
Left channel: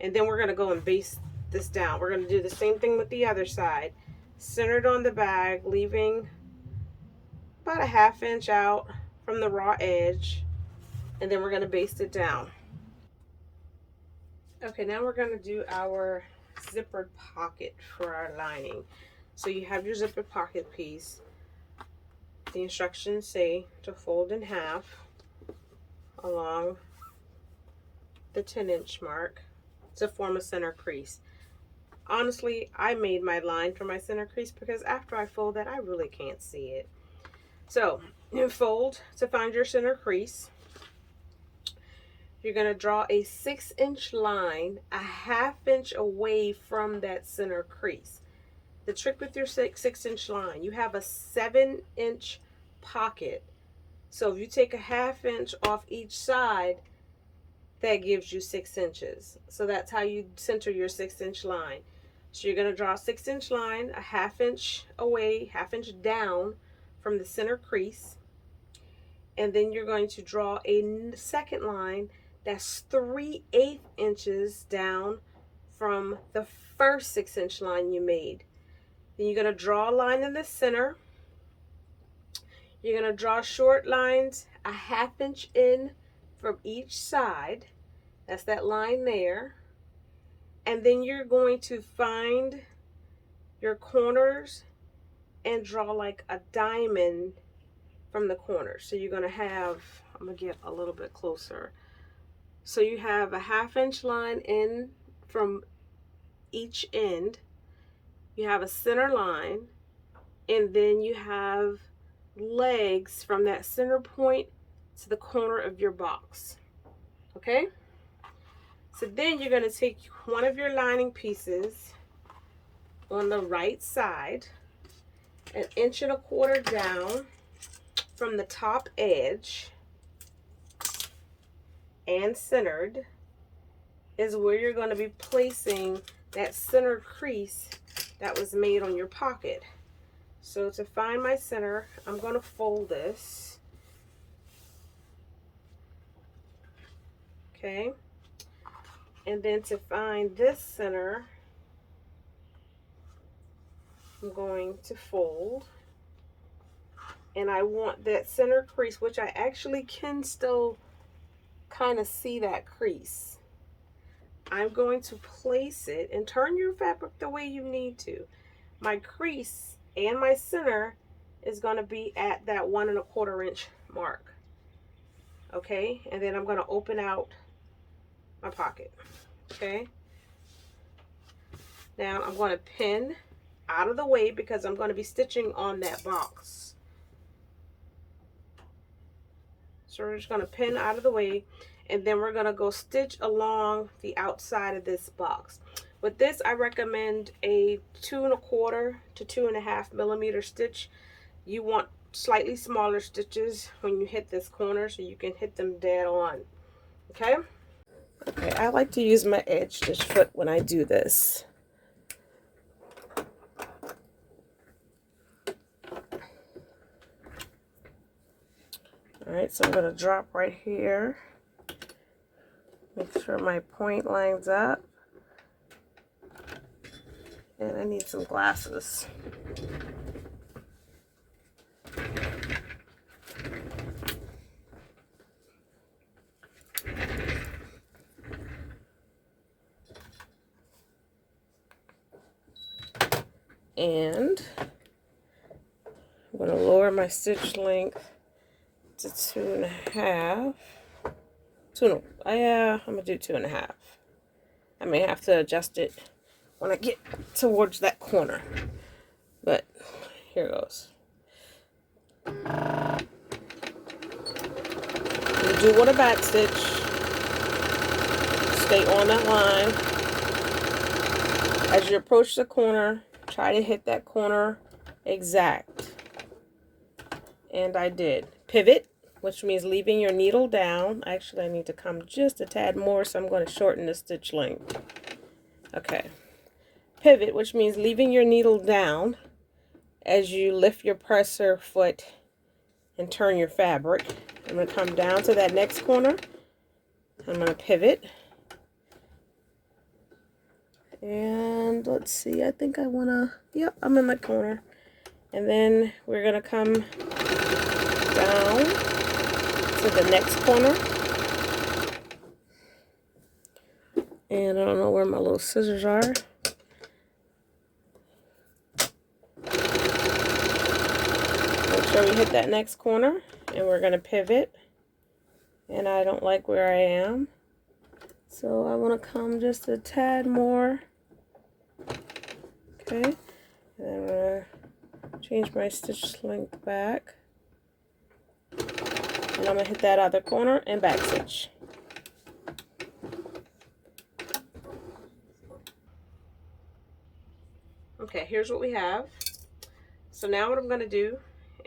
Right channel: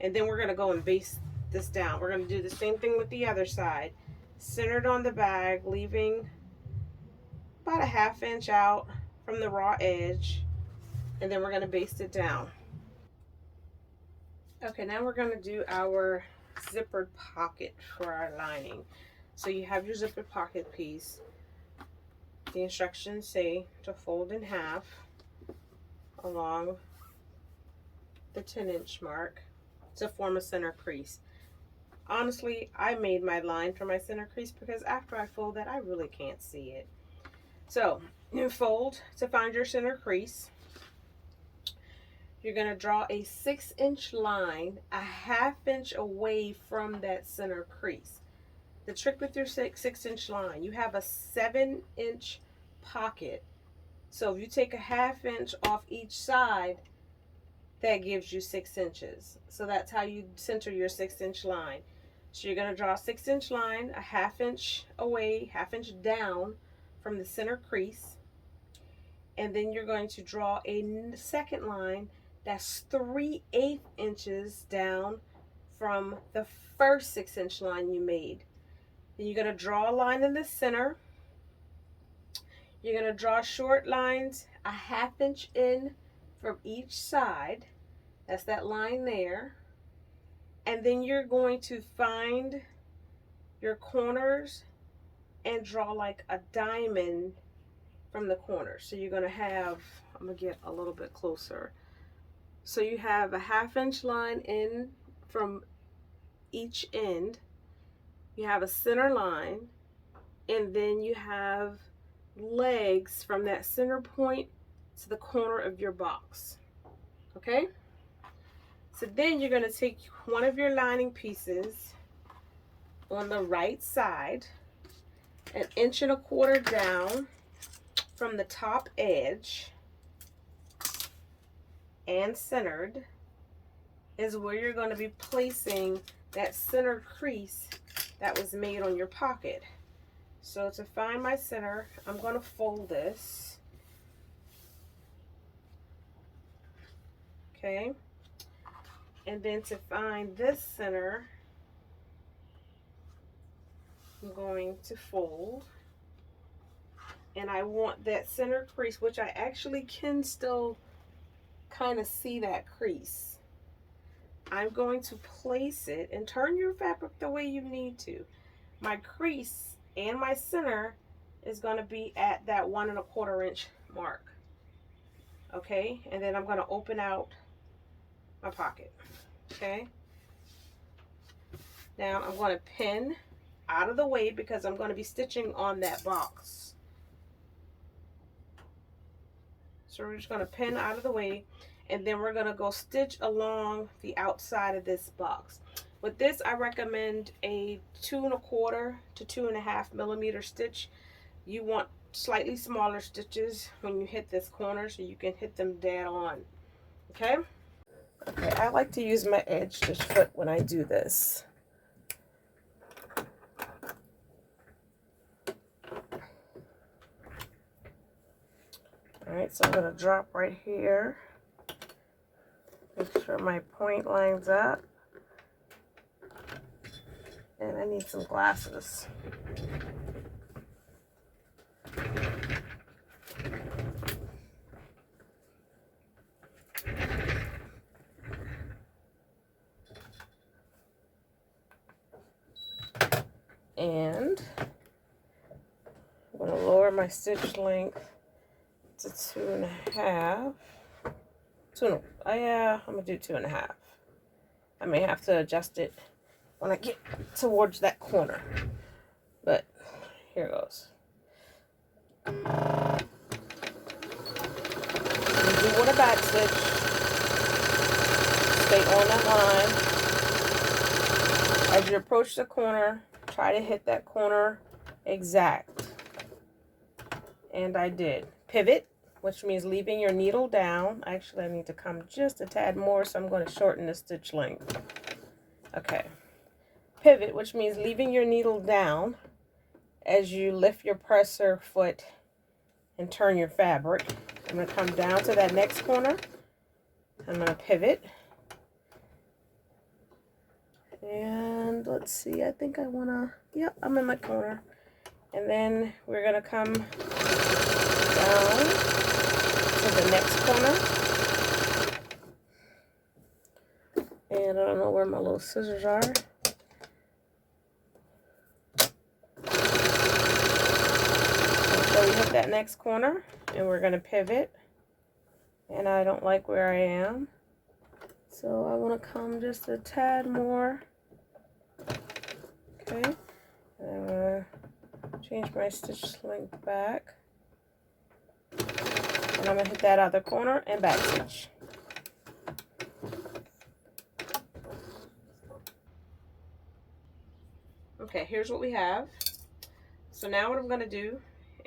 and then we're gonna go and baste this down. We're gonna do the same thing with the other side, centered on the bag, leaving about a 1/2 inch out from the raw edge, and then we're gonna baste it down. Okay, now we're gonna do our zippered pocket for our lining. So you have your zippered pocket piece. The instructions say to fold in half along the 10-inch mark to form a center crease. Honestly, I made my line for my center crease because after I fold that, I really can't see it. So you fold to find your center crease. You're going to draw a 6-inch line a 1/2 inch away from that center crease. The trick with your 6-inch line, you have a 7-inch pocket. So if you take a 1/2 inch off each side, that gives you 6 inches. So that's how you center your 6-inch line. So you're going to draw a 6-inch line a half inch away, half inch down from the center crease. And then you're going to draw a second line that's 3/8 inches down from the first 6-inch line you made. Then you're going to draw a line in the center. You're going to draw short lines a half inch in from each side. That's that line there. And then you're going to find your corners and draw like a diamond from the corners. So you're going to have, I'm going to get a little bit closer. So you have a half inch line in from each end. You have a center line, and then you have legs from that center point to the corner of your box. Okay? So then you're going to take one of your lining pieces on the right side, 1.25 inches down from the top edge and centered is where you're going to be placing that center crease that was made on your pocket. So to find my center, I'm going to fold this. Okay. And then to find this center, I'm going to fold. And I want that center crease, which I actually can still kind of see that crease. I'm going to place it and turn your fabric the way you need to. My crease and my center is going to be at that 1.25 inch mark. Okay, and then I'm going to open out my pocket. Okay, now I'm going to pin out of the way because I'm going to be stitching on that box. So we're just going to pin out of the way, and then we're going to go stitch along the outside of this box. With this, I recommend a 2.25 to 2.5 millimeter stitch. You want slightly smaller stitches when you hit this corner so you can hit them dead on. Okay? Okay, I like to use my edge stitch foot when I do this. Alright, so I'm going to drop right here. Make sure my point lines up. And I need some glasses. And I'm going to lower my stitch length to 2.5. I'm going to do 2.5. I may have to adjust it when I get towards that corner. But here goes. You do want a back stitch. Stay on that line. As you approach the corner, try to hit that corner exact. And I did. Pivot, which means leaving your needle down. Actually, I need to come just a tad more, so I'm going to shorten the stitch length. Okay. Pivot, which means leaving your needle down as you lift your presser foot and turn your fabric. I'm going to come down to that next corner. I'm going to pivot. And let's see, I think I want to, yep, I'm in my corner. And then we're going to come down to the next corner. And I don't know where my little scissors are. So we hit that next corner and we're going to pivot. And I don't like where I am. So I want to come just a tad more. Okay. And I'm going to change my stitch length back. And I'm going to hit that other corner and back stitch. Okay, here's what we have. So now what I'm going to do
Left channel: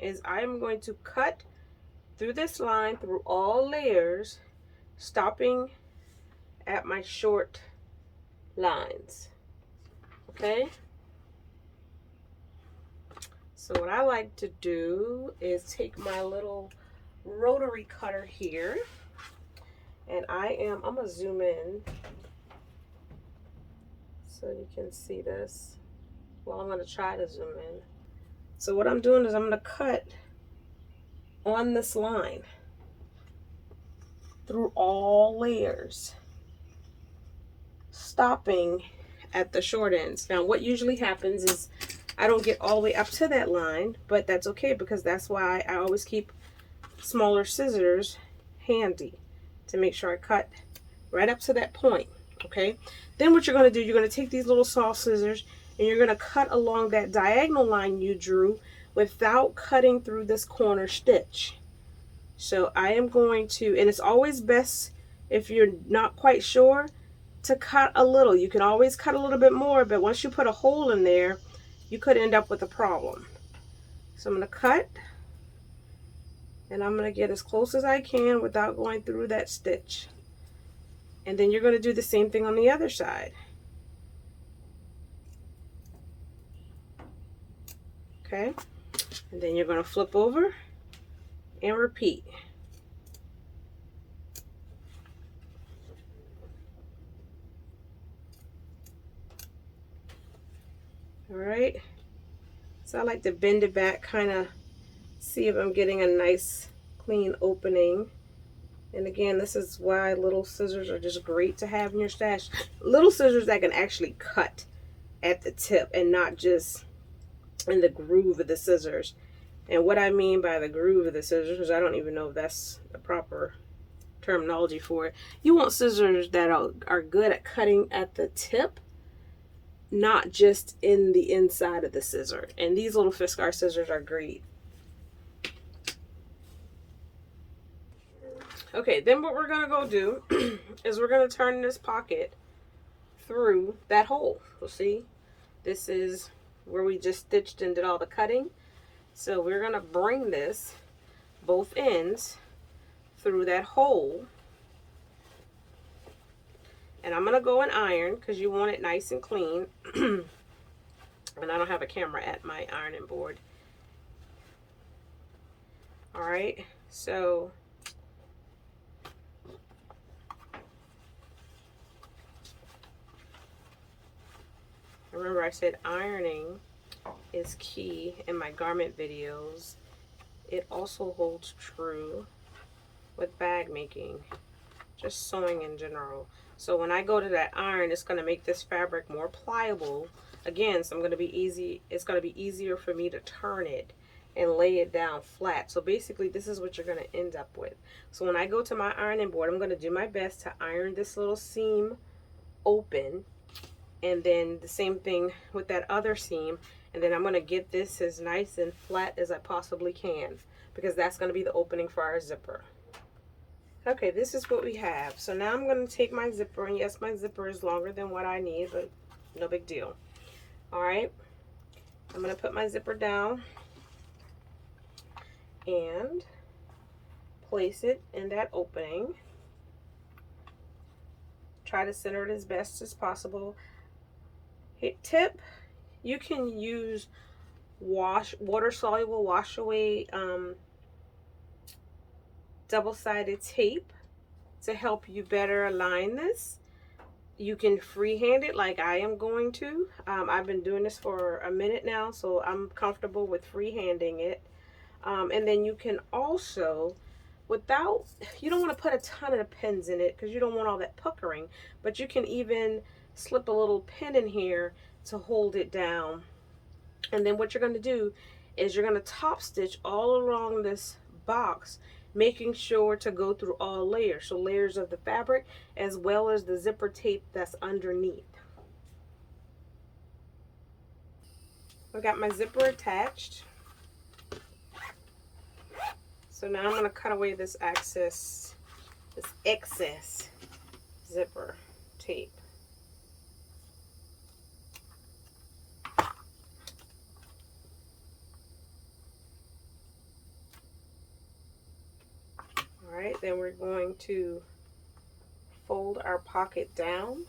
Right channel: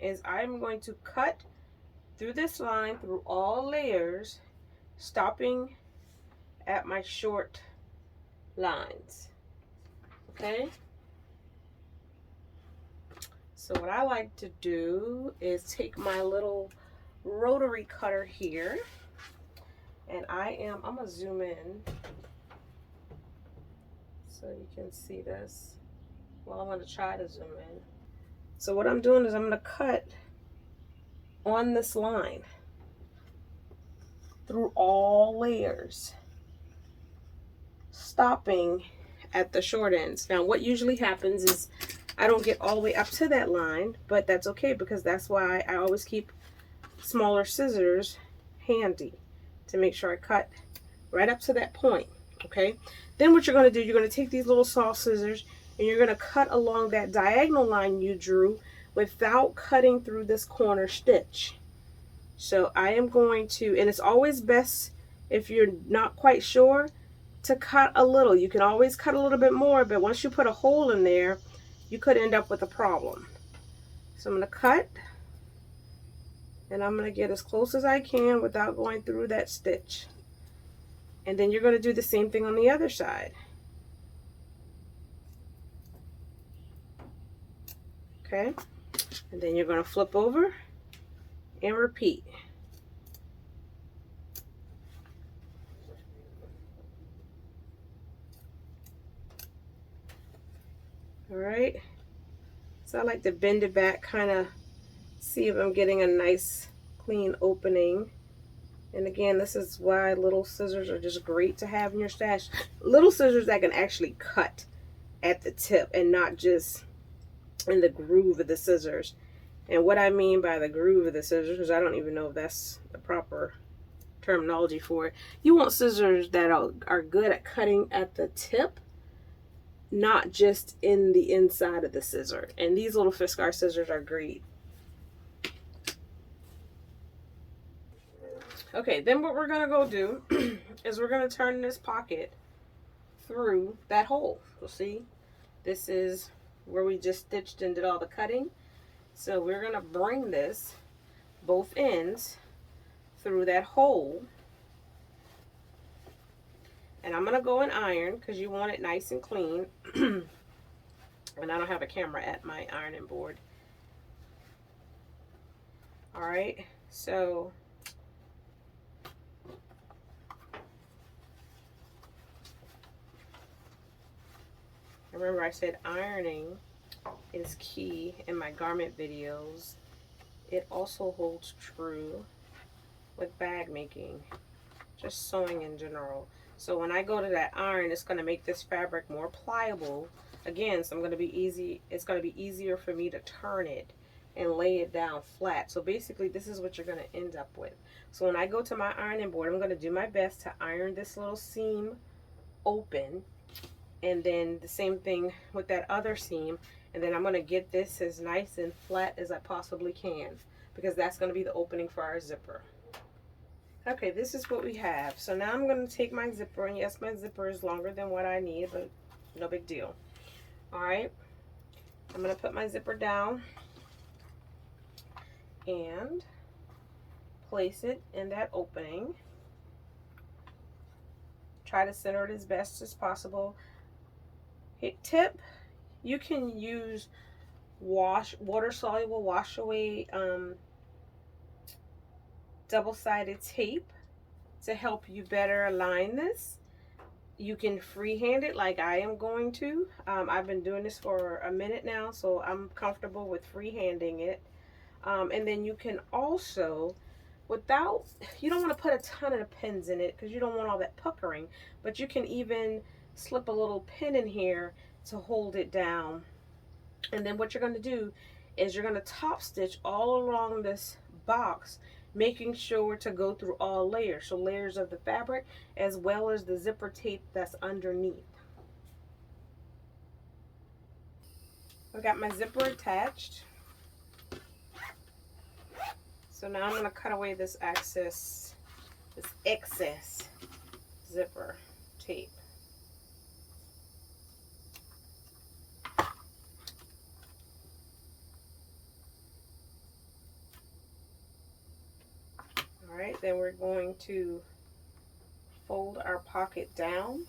is I'm going to cut through this line through all layers, stopping at my short lines. Okay. So what I like to do is take my little rotary cutter here, and I'm gonna zoom in so you can see this. Well, I'm gonna try to zoom in. So what I'm doing is I'm gonna cut on this line through all layers, stopping at the short ends. Now what usually happens is I don't get all the way up to that line, but that's okay because that's why I always keep smaller scissors handy to make sure I cut right up to that point. Okay, then what you're going to do, you're going to take these little soft scissors and you're going to cut along that diagonal line you drew without cutting through this corner stitch. So I am going to, and it's always best if you're not quite sure to cut a little. You can always cut a little bit more, but once you put a hole in there, you could end up with a problem. So I'm going to cut, and I'm going to get as close as I can without going through that stitch. And then you're going to do the same thing on the other side. Okay, and then you're going to flip over and repeat. All right, so I like to bend it back, kind of see if I'm getting a nice clean opening. And again, this is why little scissors are just great to have in your stash. Little scissors that can actually cut at the tip and not just in the groove of the scissors. And what I mean by the groove of the scissors, because I don't even know if that's the proper terminology for it. You want scissors that are good at cutting at the tip, not just in the inside of the scissor. And these little Fiskars scissors are great. Okay, then what we're gonna go do is we're gonna turn this pocket through that hole. So see, this is where we just stitched and did all the cutting. So we're gonna bring this both ends through that hole, and I'm gonna go and iron because you want it nice and clean. And I don't have a camera at my ironing board. All right, so remember I said ironing is key in my garment videos. It also holds true with bag making, just sewing in general. So when I go to that iron, it's going to make this fabric more pliable. Again, so it's going to be easier for me to turn it and lay it down flat. So basically this is what you're going to end up with. So when I go to my ironing board, I'm going to do my best to iron this little seam open, and then the same thing with that other seam, and then I'm going to get this as nice and flat as I possibly can, because that's going to be the opening for our zipper. Okay, this is what we have. So now I'm going to take my zipper, and yes, my zipper is longer than what I need, but no big deal. All right, I'm going to put my zipper down and place it in that opening. Try to center it as best as possible. Hit tip. You can use water soluble wash away double-sided tape to help you better align this. You can freehand it like I am going to. I've been doing this for a minute now, so I'm comfortable with freehanding it. And then you can also, you don't want to put a ton of pins in it because you don't want all that puckering, but you can even slip a little pin in here to hold it down. And then what you're going to do is you're going to top stitch all along this box, making sure to go through all layers. So layers of the fabric as well as the zipper tape that's underneath. I've got my zipper attached. So now I'm going to cut away this excess zipper tape. All right, then we're going to fold our pocket down.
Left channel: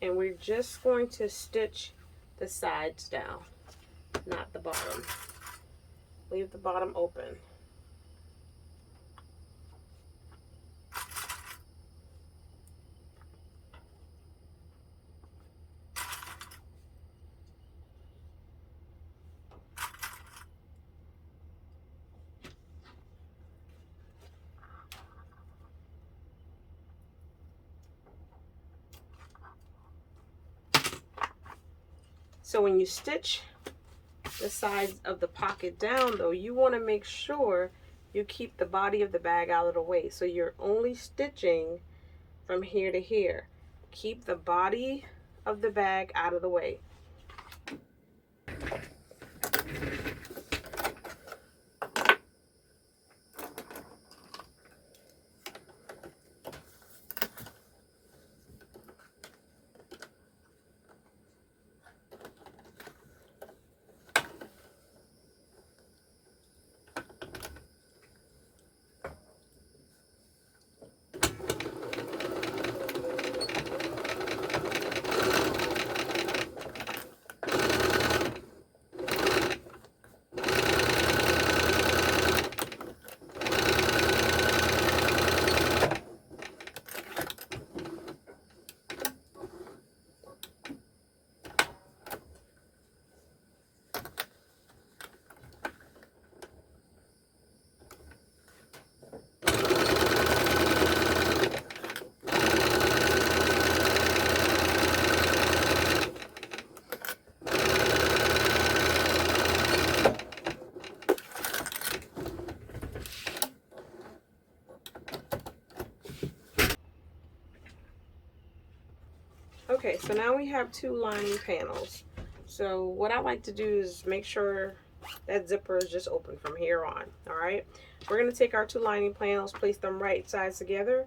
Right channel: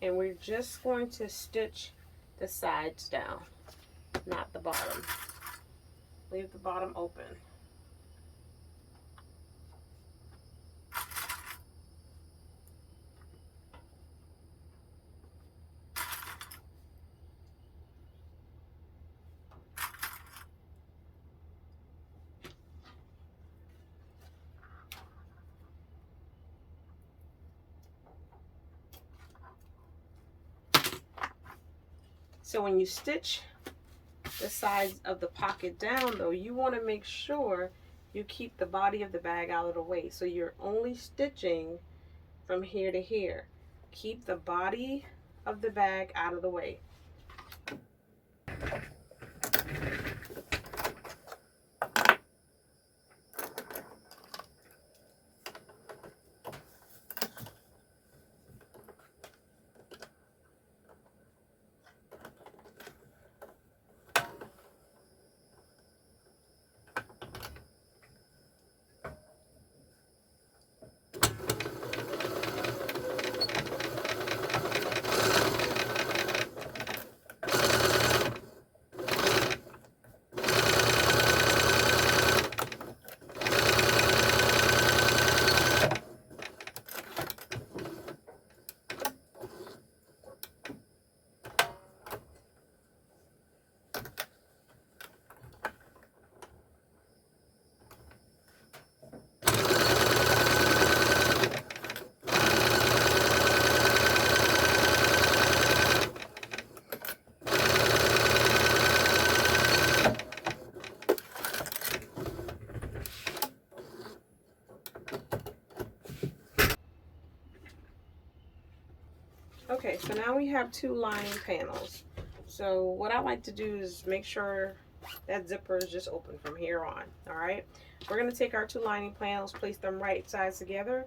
And we're just going to stitch the sides down, not the bottom. Leave the bottom open. So when you stitch the sides of the pocket down though, you want to make sure you keep the body of the bag out of the way. So you're only stitching from here to here. Keep the body of the bag out of the way. Okay, so now we have two lining panels. So what I like to do is make sure that zipper is just open from here on. All right, we're going to take our two lining panels, place them right sides together,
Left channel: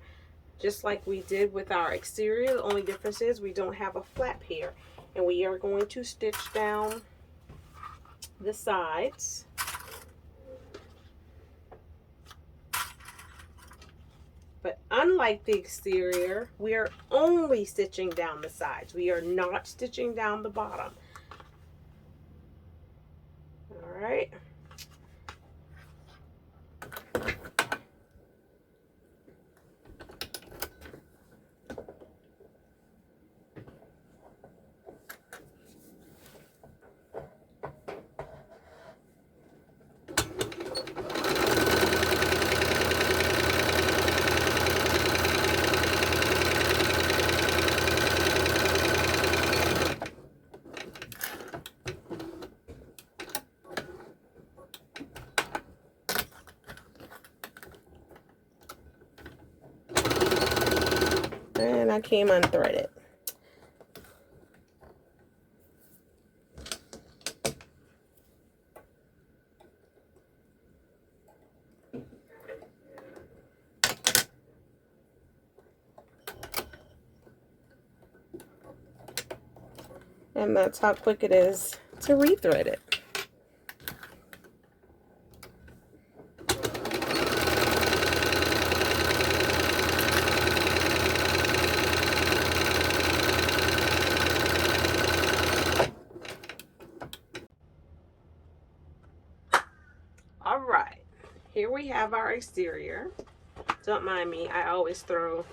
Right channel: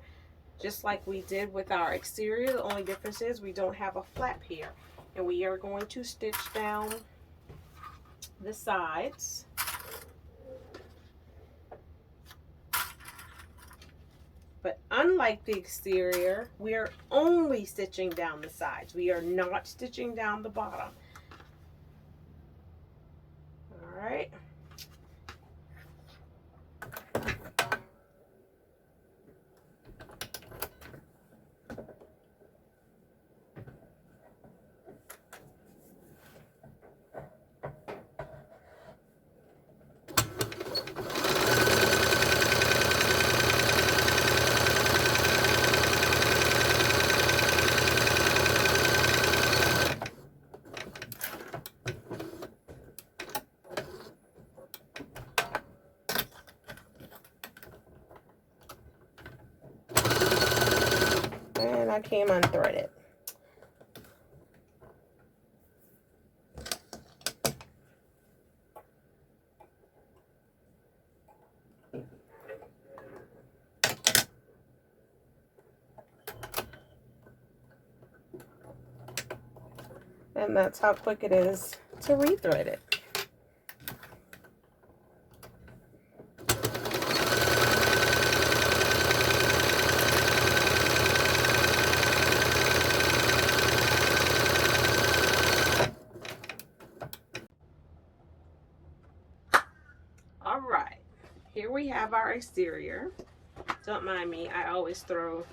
just like we did with our exterior. The only difference is we don't have a flap here, and we are going to stitch down the sides. But unlike the exterior, we are only stitching down the sides. We are not stitching down the bottom. All right. And I came unthreaded. And that's how quick it is to rethread it. All right, here we have our exterior. Don't mind me, I always throw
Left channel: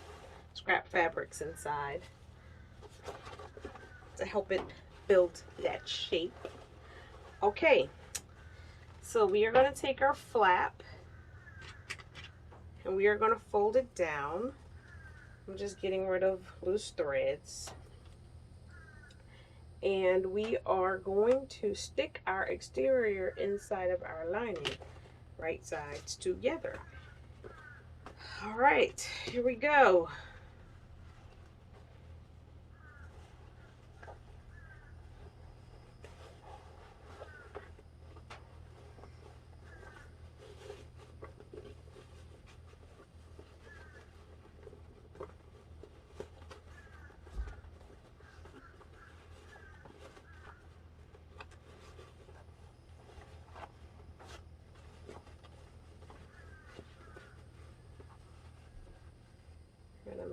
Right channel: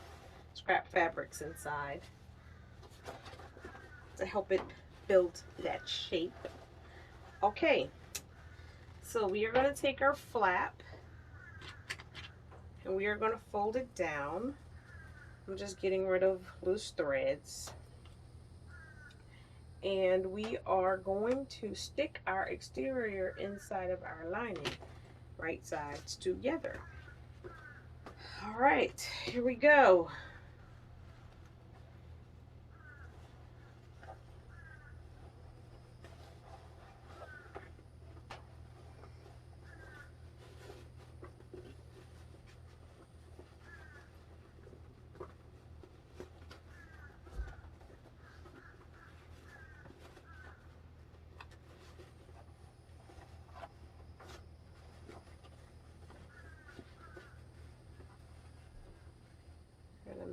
scrap fabrics inside to help it build that shape. Okay, so we are going to take our flap and we are going to fold it down. I'm just getting rid of loose threads. And we are going to stick our exterior inside of our lining, right sides together. All right, here we go.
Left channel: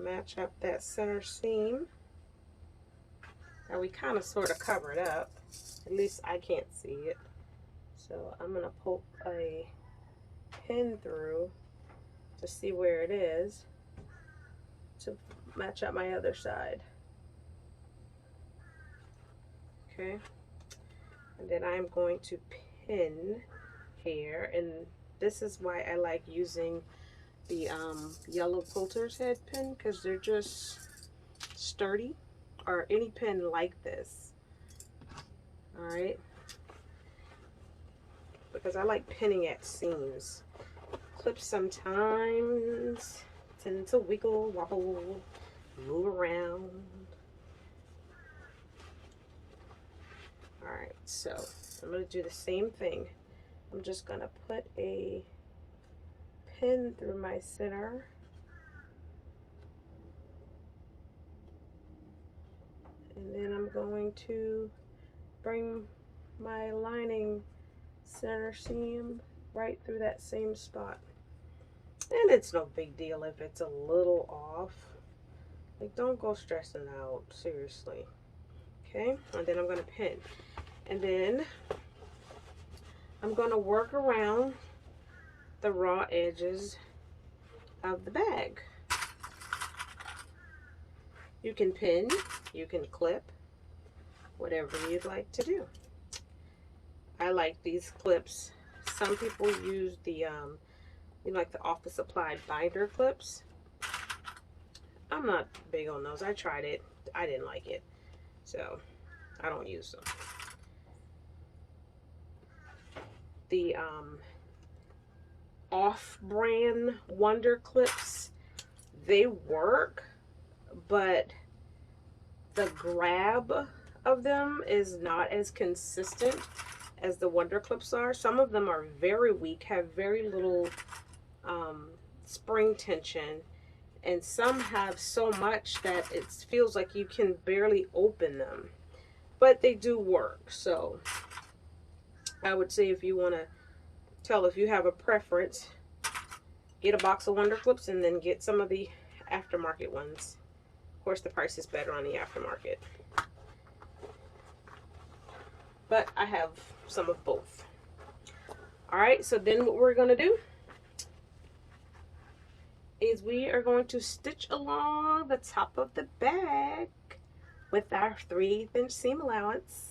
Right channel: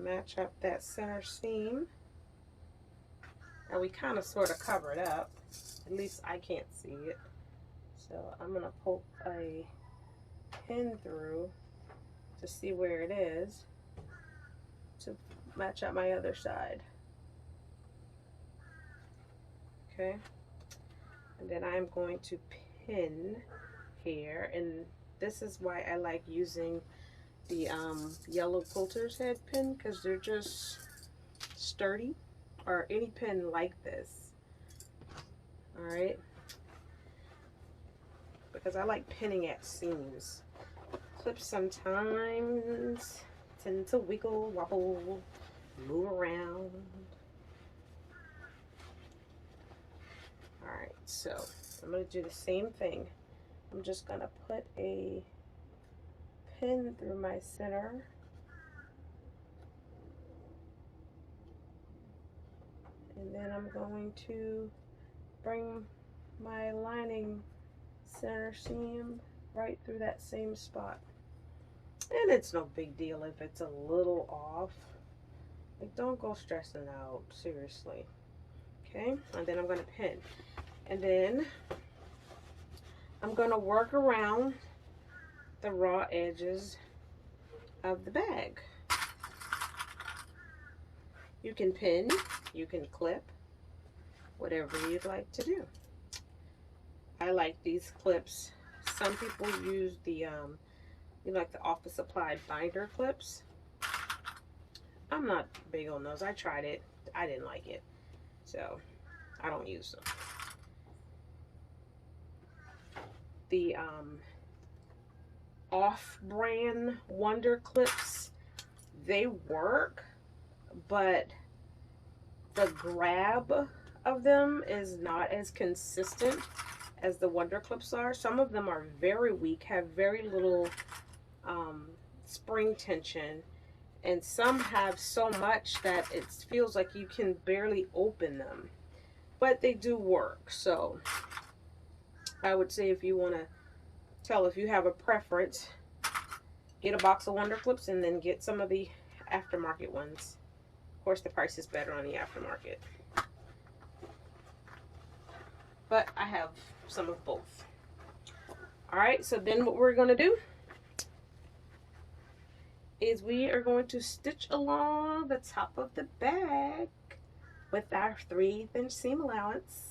match up that center seam. Now we kind of sort of cover it up. At least I can't see it. So I'm going to poke a pin through to see where it is to match up my other side. Okay. And then I'm going to pin here. And this is why I like using the yellow quilter's head pin, because they're just sturdy, or any pin like this. All right. Because I like pinning at seams. Clips sometimes tend to wiggle, wobble, move around. All right, so I'm going to do the same thing. I'm just going to put a pin through my center. And then I'm going to bring my lining center seam right through that same spot. And it's no big deal if it's a little off. Like, don't go stressing out, seriously. Okay, and then I'm going to pin. And then I'm going to work around the raw edges of the bag. You can pin, you can clip, whatever you'd like to do. I like these clips. Some people use the, like the office supply binder clips. I'm not big on those. I tried it. I didn't like it. So I don't use them. The off-brand Wonder clips, they work, but the grab of them is not as consistent as the Wonder clips are. Some of them are very weak, have very little spring tension, and some have so much that it feels like you can barely open them, but they do work. So I would say, if you want to tell, if you have a preference, get a box of Wonder clips and then get some of the aftermarket ones. Of course, the price is better on the aftermarket, but I have some of both. All right, so then what we're going to do is we are going to stitch along the top of the bag with our 3/8 inch seam allowance.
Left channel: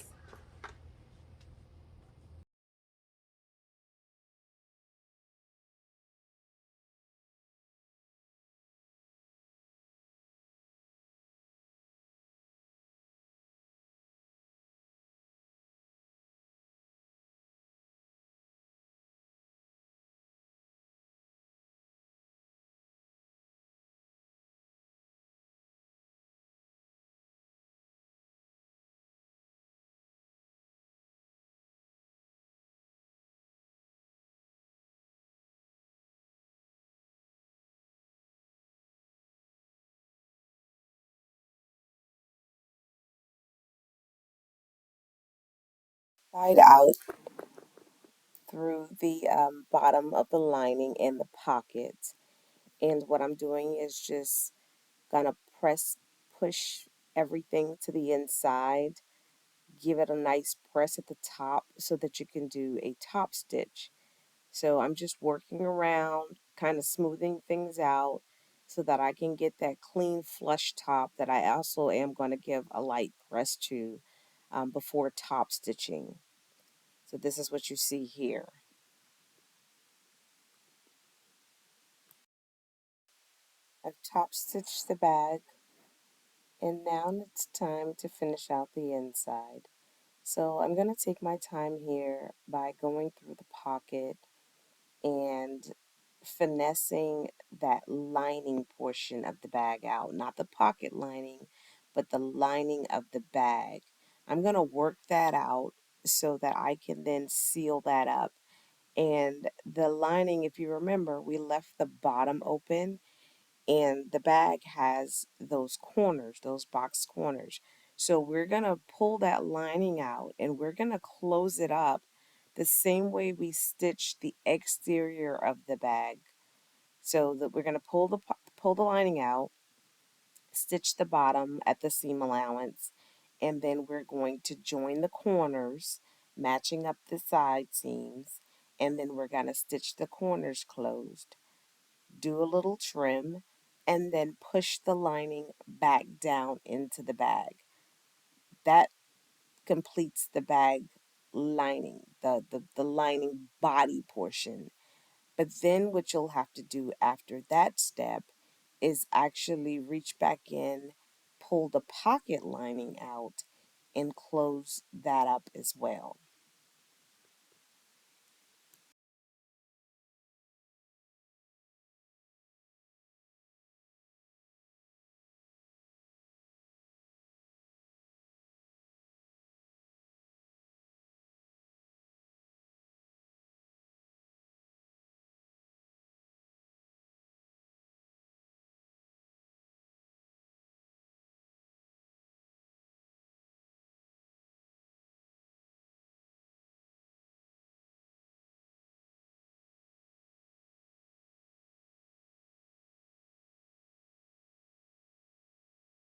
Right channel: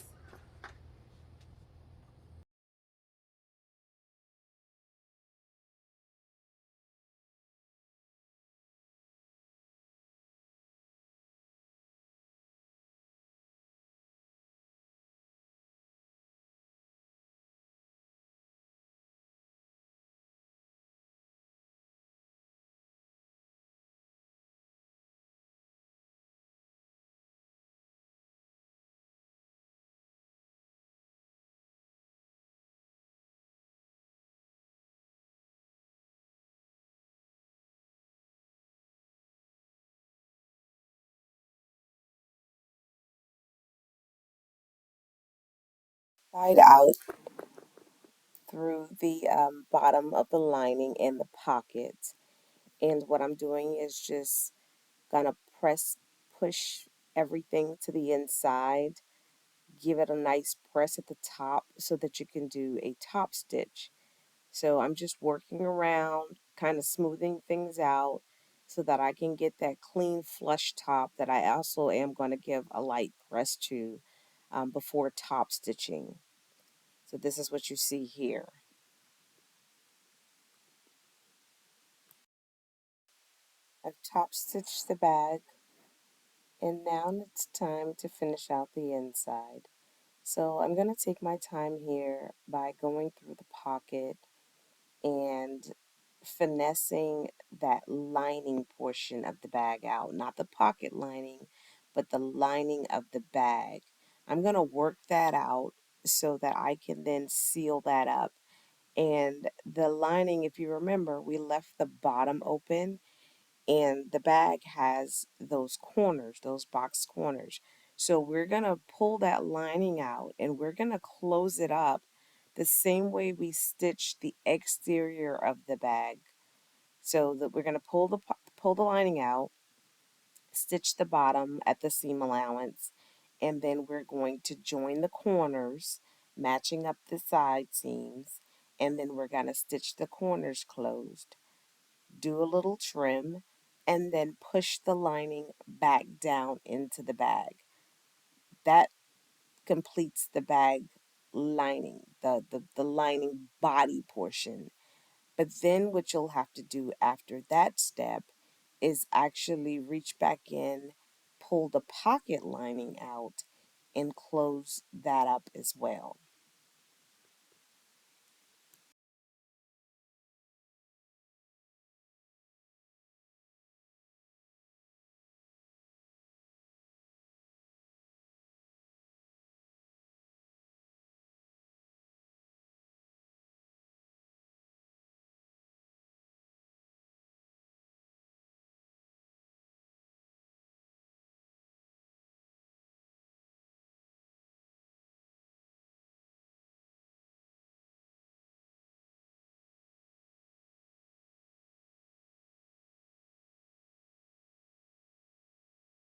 Side out through the bottom of the lining and the pockets. And what I'm doing is just gonna push everything to the inside, give it a nice press at the top so that you can do a top stitch. So I'm just working around, kind of smoothing things out so that I can get that clean flush top that I also am going to give a light press to before top stitching. So this is what you see here. I've top stitched the bag, and now it's time to finish out the inside. So I'm going to take my time here by going through the pocket and finessing that lining portion of the bag out, not the pocket lining, but the lining of the bag. I'm going to work that out so that I can then seal that up. And the lining, if you remember, we left the bottom open, and the bag has those corners, those box corners. So we're going to pull that lining out and we're going to close it up the same way we stitched the exterior of the bag. So that we're going to pull the lining out, stitch the bottom at the seam allowance, and then we're going to join the corners, matching up the side seams, and then we're going to stitch the corners closed, do a little trim, and then push the lining back down into the bag. That completes the bag lining, the lining body portion. But then what you'll have to do after that step is actually reach back in, pull the pocket lining out, and close that up as well.